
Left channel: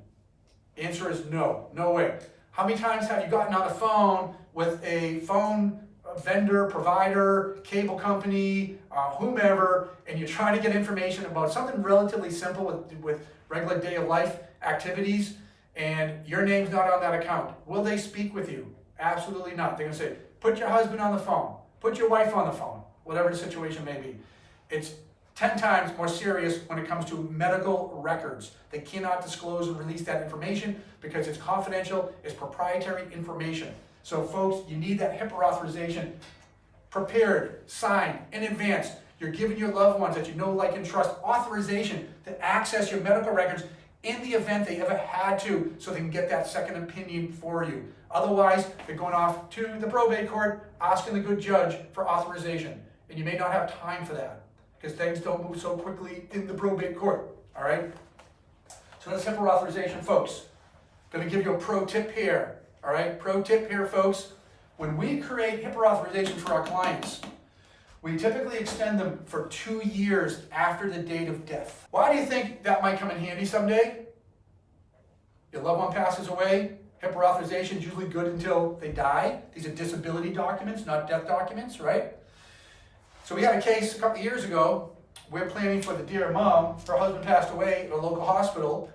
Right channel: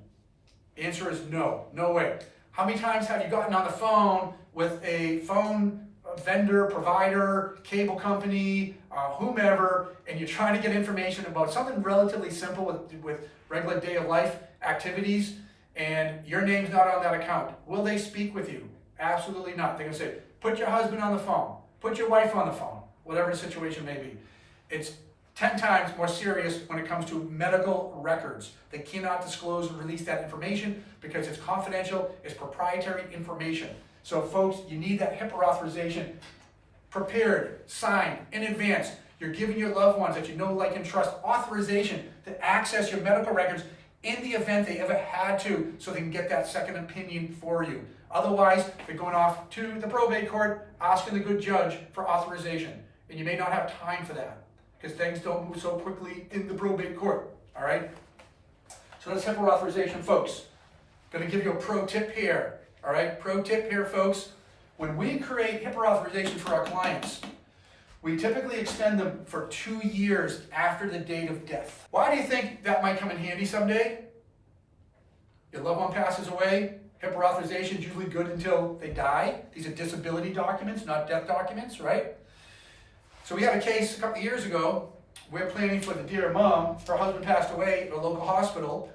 Answer is no, no way. How many times have you gotten on the phone with a phone vendor, provider, cable company, whomever, and you're trying to get information about something relatively simple with regular day of life activities, and your name's not on that account? Will they speak with you? Absolutely not. They're going to say, put your husband on the phone, put your wife on the phone, whatever the situation may be. It's 10 times more serious when it comes to medical records. They cannot disclose and release that information because it's confidential, it's proprietary information. So folks, you need that HIPAA authorization prepared, signed in advance. You're giving your loved ones that you know, like, and trust authorization to access your medical records in the event they ever had to, so they can get that second opinion for you. Otherwise, they're going off to the probate court, asking the good judge for authorization. And you may not have time for that, because things don't move so quickly in the probate court, all right? So that's HIPAA authorization, folks. Going to give you a pro tip here, all right? Pro tip here, folks. When we create HIPAA authorization for our clients, we typically extend them for 2 years after the date of death. Why do you think that might come in handy someday? Your loved one passes away, HIPAA authorization is usually good until they die. These are disability documents, not death documents, right? So we had a case a couple of years ago. We're planning for the dear mom. Her husband passed away at a local hospital,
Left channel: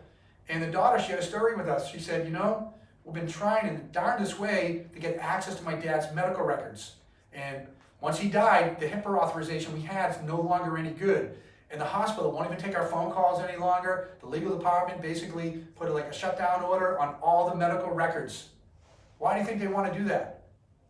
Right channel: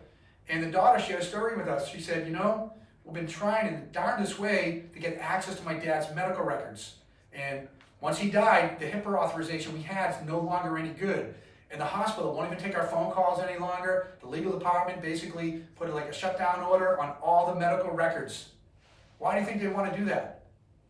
and the daughter shared a story with us. She said, you know, we've been trying in the darndest way to get access to my dad's medical records. And once he died, the HIPAA authorization we had is no longer any good. And the hospital won't even take our phone calls any longer. The legal department basically put like a shutdown order on all the medical records. Why do you think they want to do that?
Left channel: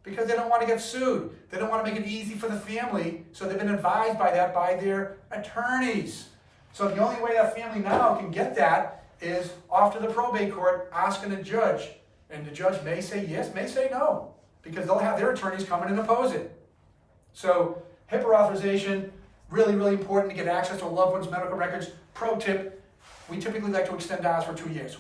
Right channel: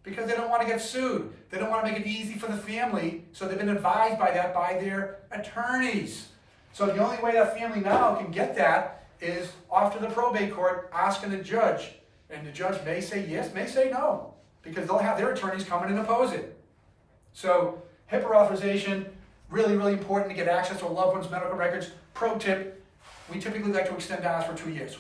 Because they don't want to get sued. They don't want to make it easy for the family. So they've been advised by that by their attorneys. So the only way that family now can get that is off to the probate court asking the judge. And the judge may say yes, may say no, because they'll have their attorneys come in and oppose it. So HIPAA authorization, really, really important to get access to a loved one's medical records. Pro tip, we typically like to extend ours for 2 years.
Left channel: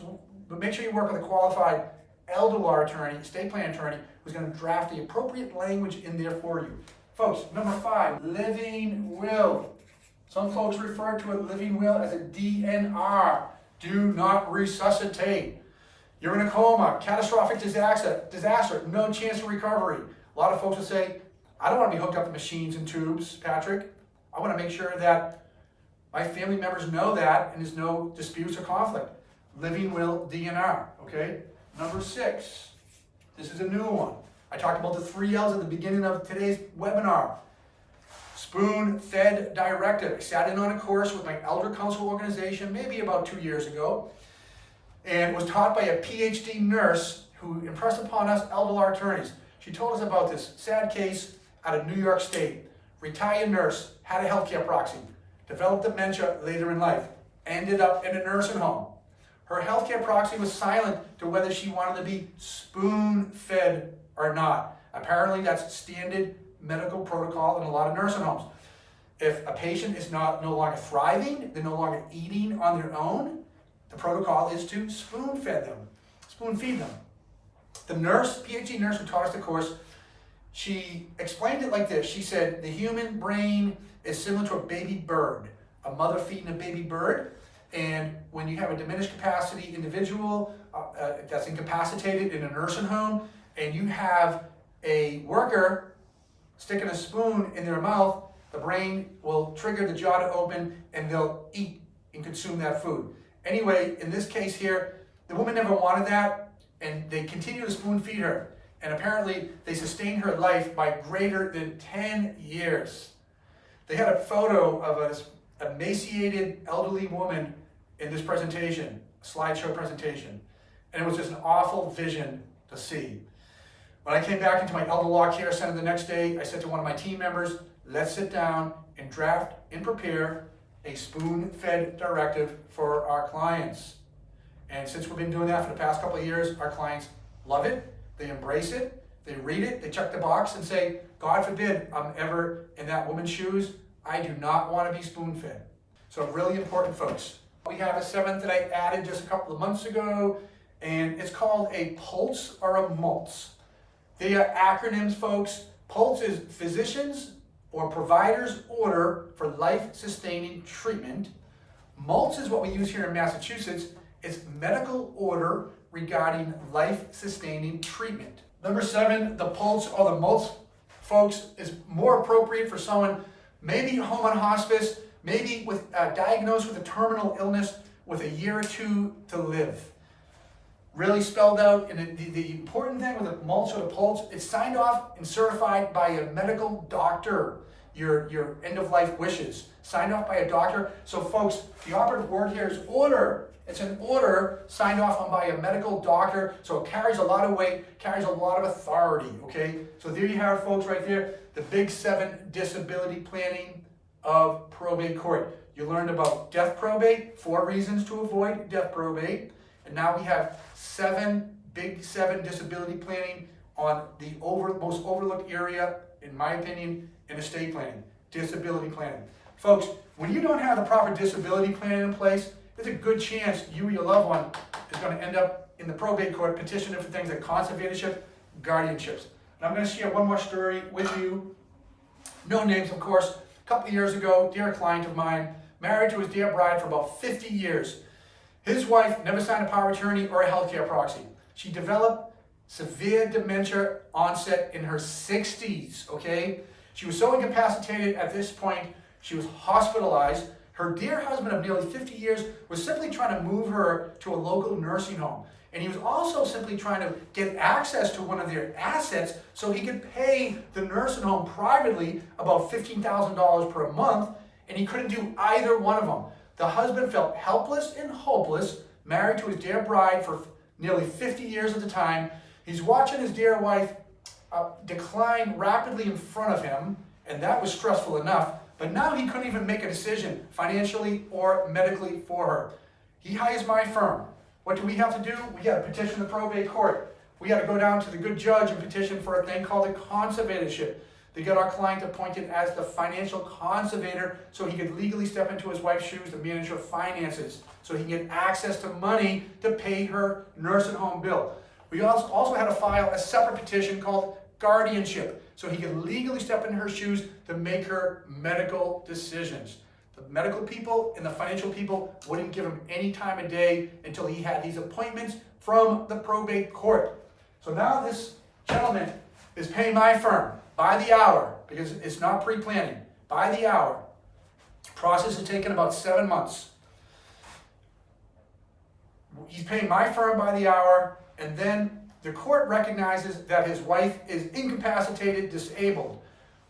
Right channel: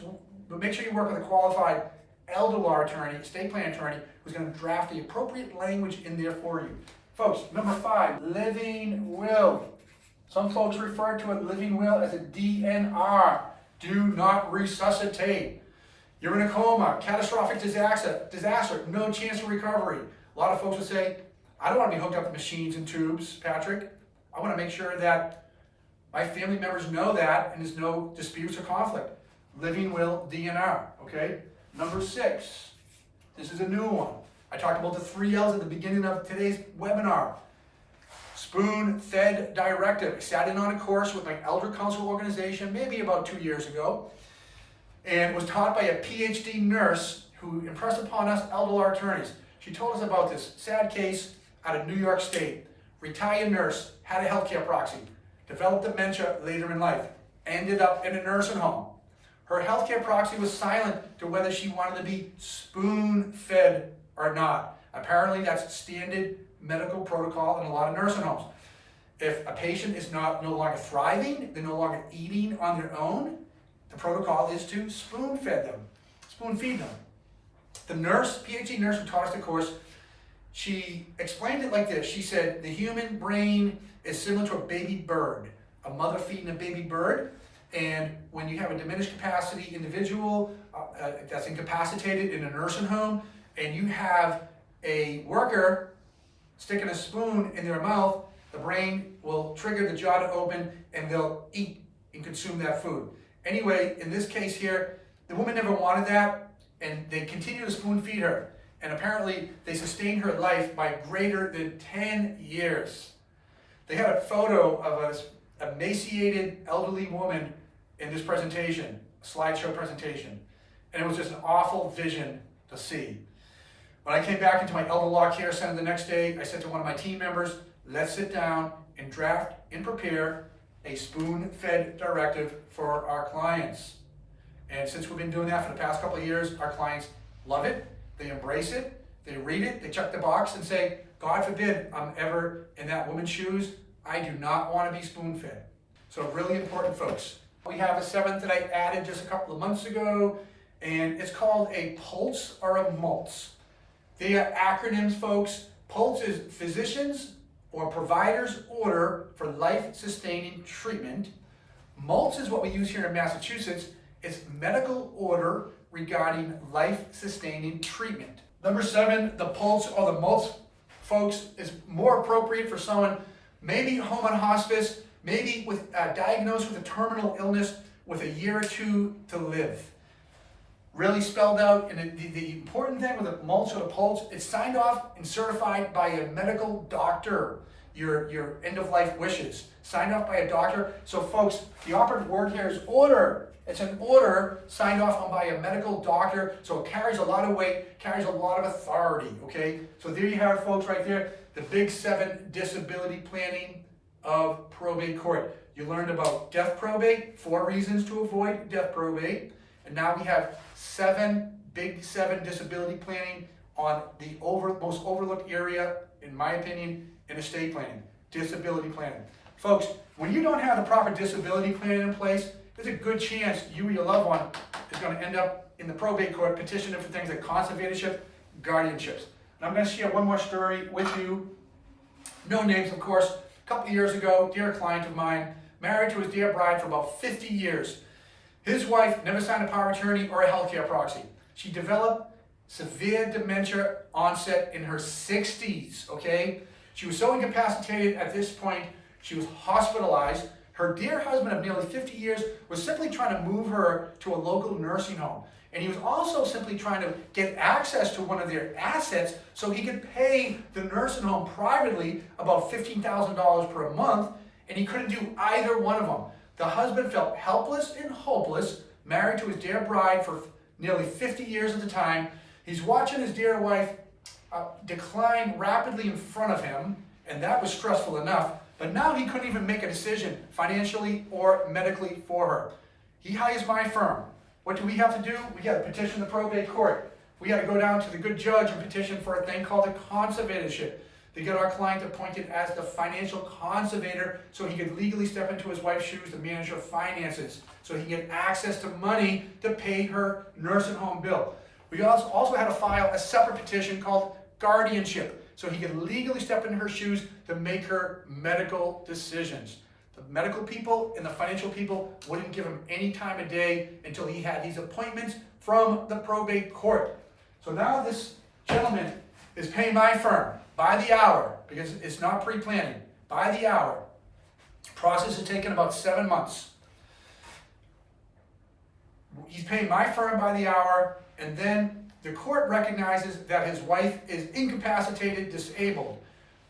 But make sure you work with a qualified elder law attorney, estate plan attorney, who's going to draft the appropriate language in there for you. Folks, number 5, living will. Some folks refer to a living will as a DNR. Do not resuscitate. You're in a coma, catastrophic disaster, no chance of recovery. A lot of folks will say, I don't want to be hooked up to machines and tubes, Patrick. I want to make sure that my family members know that and there's no disputes or conflict. Living will, DNR, okay? Number 6, this is a new one. I talked about the 3 L's at the beginning of today's webinar. Spoon-fed directive. I sat in on a course with my elder council organization maybe about 2 years ago, and was taught by a PhD nurse who impressed upon us elder law attorneys. She told us about this sad case out of New York State. Retired nurse, had a healthcare proxy, developed dementia later in life, ended up in a nursing home. Her healthcare proxy was silent to whether she wanted to be spoon-fed or not. Apparently, that's standard medical protocol in a lot of nursing homes. If a patient is no longer thriving, they're no longer eating on their own, the protocol is to spoon-feed them. The nurse, PhD nurse who taught us the course, she explained it like this. She said, the human brain is similar to a baby bird, a mother feeding a baby bird. And when you have a diminished capacity individual that's incapacitated in a nursing home, and you have a worker sticking a spoon in their mouth, the brain will trigger the jaw to open and they'll eat and consume that food. Anyway, in this case here, the woman never wanted that, and they continue to spoon feed her. And apparently they sustained her life by greater than 10 years. They had a photo of an emaciated elderly woman in this presentation, a slideshow presentation. And it was just an awful vision to see. When I came back into my elder law care center the next day, I said to one of my team members, let's sit down and draft and prepare a spoon-fed directive for our clients. And since we've been doing that for the past couple of years, our clients love it, they embrace it, they read it, they check the box and say, God forbid I'm ever in that woman's shoes, I do not want to be spoon-fed. So really important, folks. We have a 7th that I added just a couple of months ago, and it's called a POLTS or a MOLTS. They are acronyms, folks. POLTS is Physicians or Providers Order for Life-Sustaining Treatment. MOLTS is what we use here in Massachusetts. It's Medical Order regarding life-sustaining treatment. Number 7, the POLTS or the MOLTS, folks, is more appropriate for someone maybe home on hospice, maybe with diagnosed with a terminal illness with a year or 2 to live. Really spelled out, and the important thing with the MOLTS or the POLTS, it's signed off and certified by a medical doctor. Your end-of-life wishes, signed off by a doctor. So folks, the operative word here is order. It's an order signed off on by a medical doctor, so it carries a lot of weight, carries a lot of authority, okay? So there you have it, folks, right there, the big 7 disability planning of probate court. You learned about death probate, 4 reasons to avoid death probate, and now we have 7 disability planning on the most overlooked area, in my opinion, in estate planning, disability planning. Folks, when you don't have the proper disability planning in place, there's a good chance you or your loved one is going to end up in the probate court petitioning for things like conservatorship, guardianships. And I'm going to share one more story with you. No names, of course. A couple of years ago, dear client of mine, married to his dear bride for about 50 years. His wife never signed a power of attorney or a healthcare proxy. She developed severe dementia onset in her 60s, okay? She was so incapacitated at this point, she was hospitalized. Her dear husband of nearly 50 years was simply trying to move her to a local nursing home. And he was also simply trying to get access to one of their assets so he could pay the nursing home privately about $15,000 per month, and he couldn't do either one of them. The husband felt helpless and hopeless, married to his dear bride for nearly 50 years at the time. He's watching his dear wife decline rapidly in front of him, and that was stressful enough, but now he couldn't even make a decision financially or medically for her. He hires my firm. What do we have to do? We got to petition the probate court. We got to go down to the good judge and petition for a thing called a conservatorship. They get our client appointed as the financial conservator so he could legally step into his wife's shoes to manage her finances, so he can get access to money to pay her nursing home bill. We also had to file a separate petition called guardianship, so he could legally step into her shoes to make her medical decisions. The medical people and the financial people wouldn't give him any time of day until he had these appointments from the probate court. So now this gentleman is paying my firm by the hour, because it's not pre-planning, by the hour. Process has taken about 7 months. He's paying my firm by the hour, and then the court recognizes that his wife is incapacitated, disabled.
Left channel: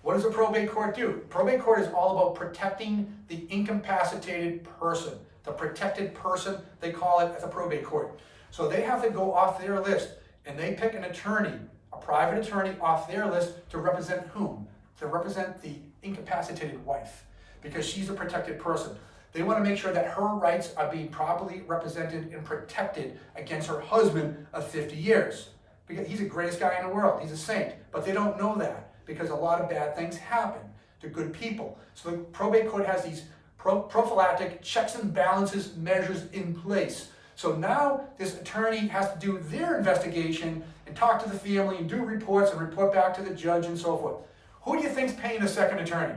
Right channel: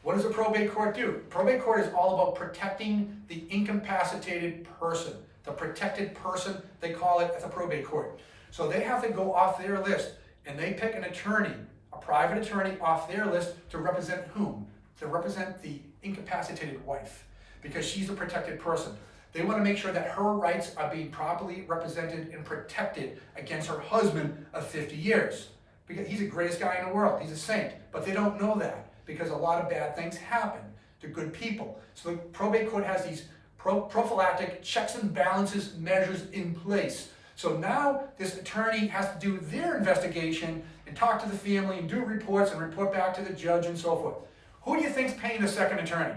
What does the probate court do? Probate court is all about protecting the incapacitated person. The protected person, they call it at the probate court. So they have to go off their list, and they pick an attorney, a private attorney off their list to represent whom? To represent the incapacitated wife, because she's a protected person. They want to make sure that her rights are being properly represented and protected against her husband of 50 years. Because he's the greatest guy in the world. He's a saint. But they don't know that, because a lot of bad things happen to good people. So the probate court has these prophylactic checks and balances measures in place. So now this attorney has to do their investigation and talk to the family and do reports and report back to the judge and so forth. Who do you think's paying the second attorney?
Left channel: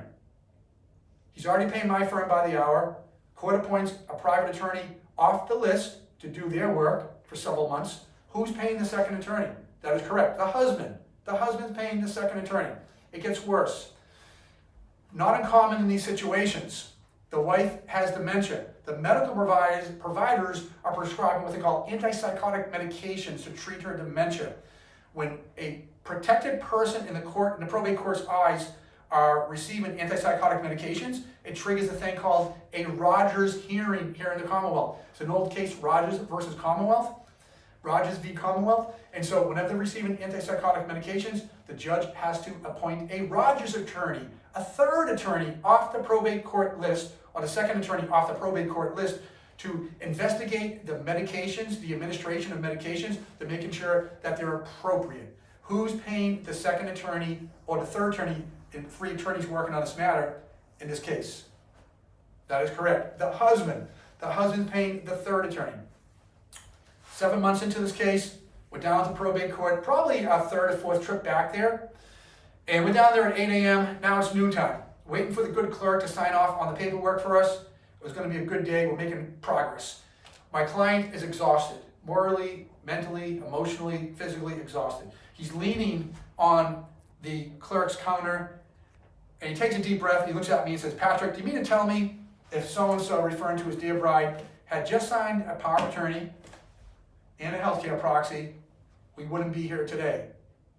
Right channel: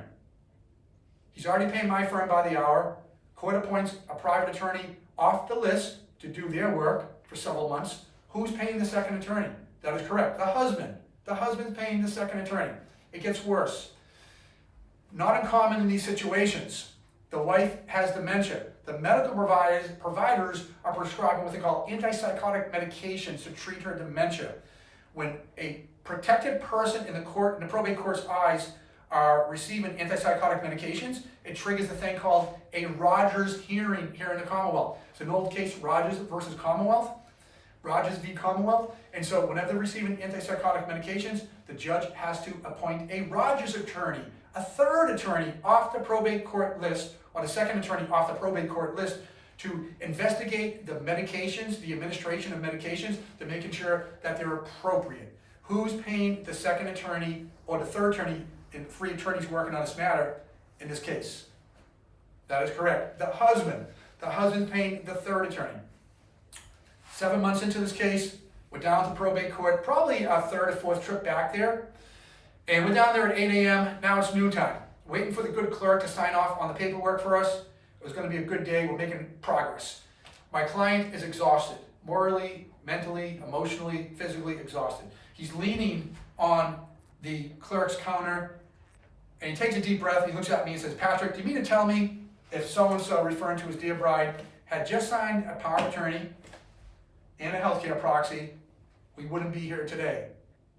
He's already paying my firm by the hour. Court appoints a private attorney off the list to do their work for several months. Who's paying the second attorney? That is correct. The husband. The husband's paying the second attorney. It gets worse. Not uncommon in these situations. The wife has dementia. The medical providers are prescribing what they call antipsychotic medications to treat her dementia. When a protected person in the probate court's eyes are receiving antipsychotic medications, it triggers a thing called a Rogers hearing here in the Commonwealth. It's an old case, Rogers versus Commonwealth. Rogers v. Commonwealth. And so whenever they're receiving antipsychotic medications, the judge has to appoint a Rogers attorney, a third attorney off the probate court list, or the second attorney off the probate court list, to investigate the medications, the administration of medications, to making sure that they're appropriate. Who's paying the second attorney or the third attorney, and 3 attorneys working on this matter in this case? That is correct. The husband. The husband's paying the third attorney. 7 months into this case, we're down to probate court, probably our third or fourth trip back there. And we're down there at 8 a.m. Now it's noon time. Waiting for the good clerk to sign off on the paperwork for us. It was going to be a good day. We're making progress. My client is exhausted, morally, mentally, emotionally, physically exhausted. He's leaning on the clerk's counter, and he takes a deep breath. He looks at me and says, "Patrick, do you mean to tell me if so-and-so," referring to his dear bride, "had just signed a power of attorney and a healthcare proxy, we wouldn't be here today?"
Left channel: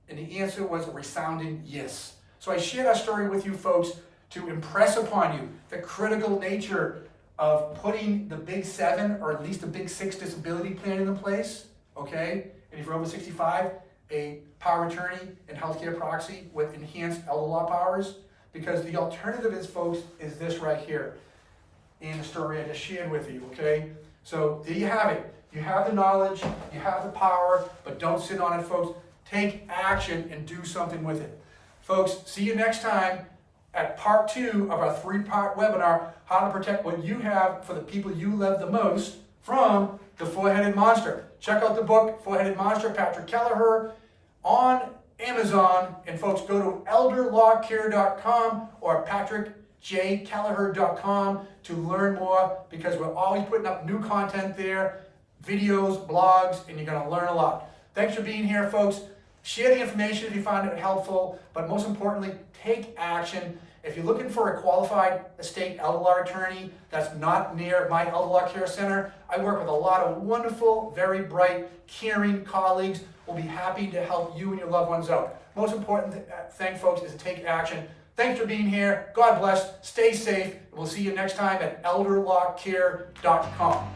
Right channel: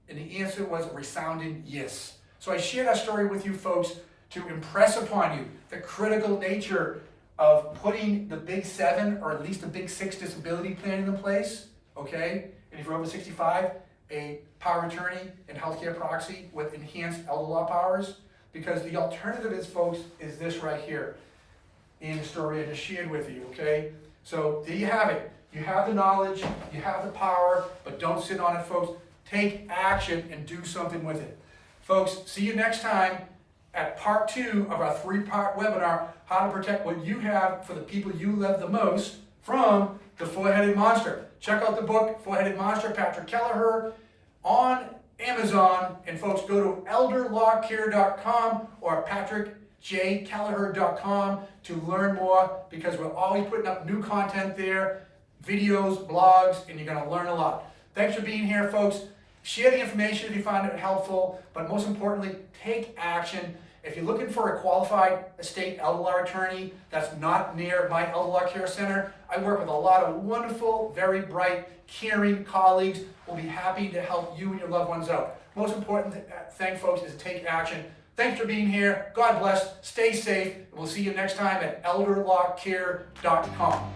And the answer was a resounding yes. So I share that story with you folks to impress upon you the critical nature of putting the big 7 or at least the big 6 disability plan into place, okay? And if you're over 65, a power of attorney and healthcare proxy with enhanced elder law powers, because the alternative is, folks, is this right here in the story I just shared with you, okay? So there you have it. You have the knowledge, you have the power, but don't sit on it, folks. Take action and do something with it. Folks, see you next time at part 2 of our 3-part webinar, how to protect what you have for the people you love the most from the 4-headed monster. Check out the book, 4-Headed Monster, Patrick Kelleher, on Amazon. And folks, go to elderlawcare.com or patrickjkelleher.com to learn more, because we're always putting up new content there, videos, blogs, and you're going to learn a lot. Thanks for being here, folks. Share the information if you find it helpful, but most importantly, take action. If you're looking for a qualified estate elder law attorney that's not near my elder law care center, I work with a lot of wonderful, very bright, caring colleagues. We'll be happy to help you and your loved ones out. Most important thing, folks, is to take action. Thanks for being here. God bless. Stay safe. We'll see you next time at elderlawcare.com.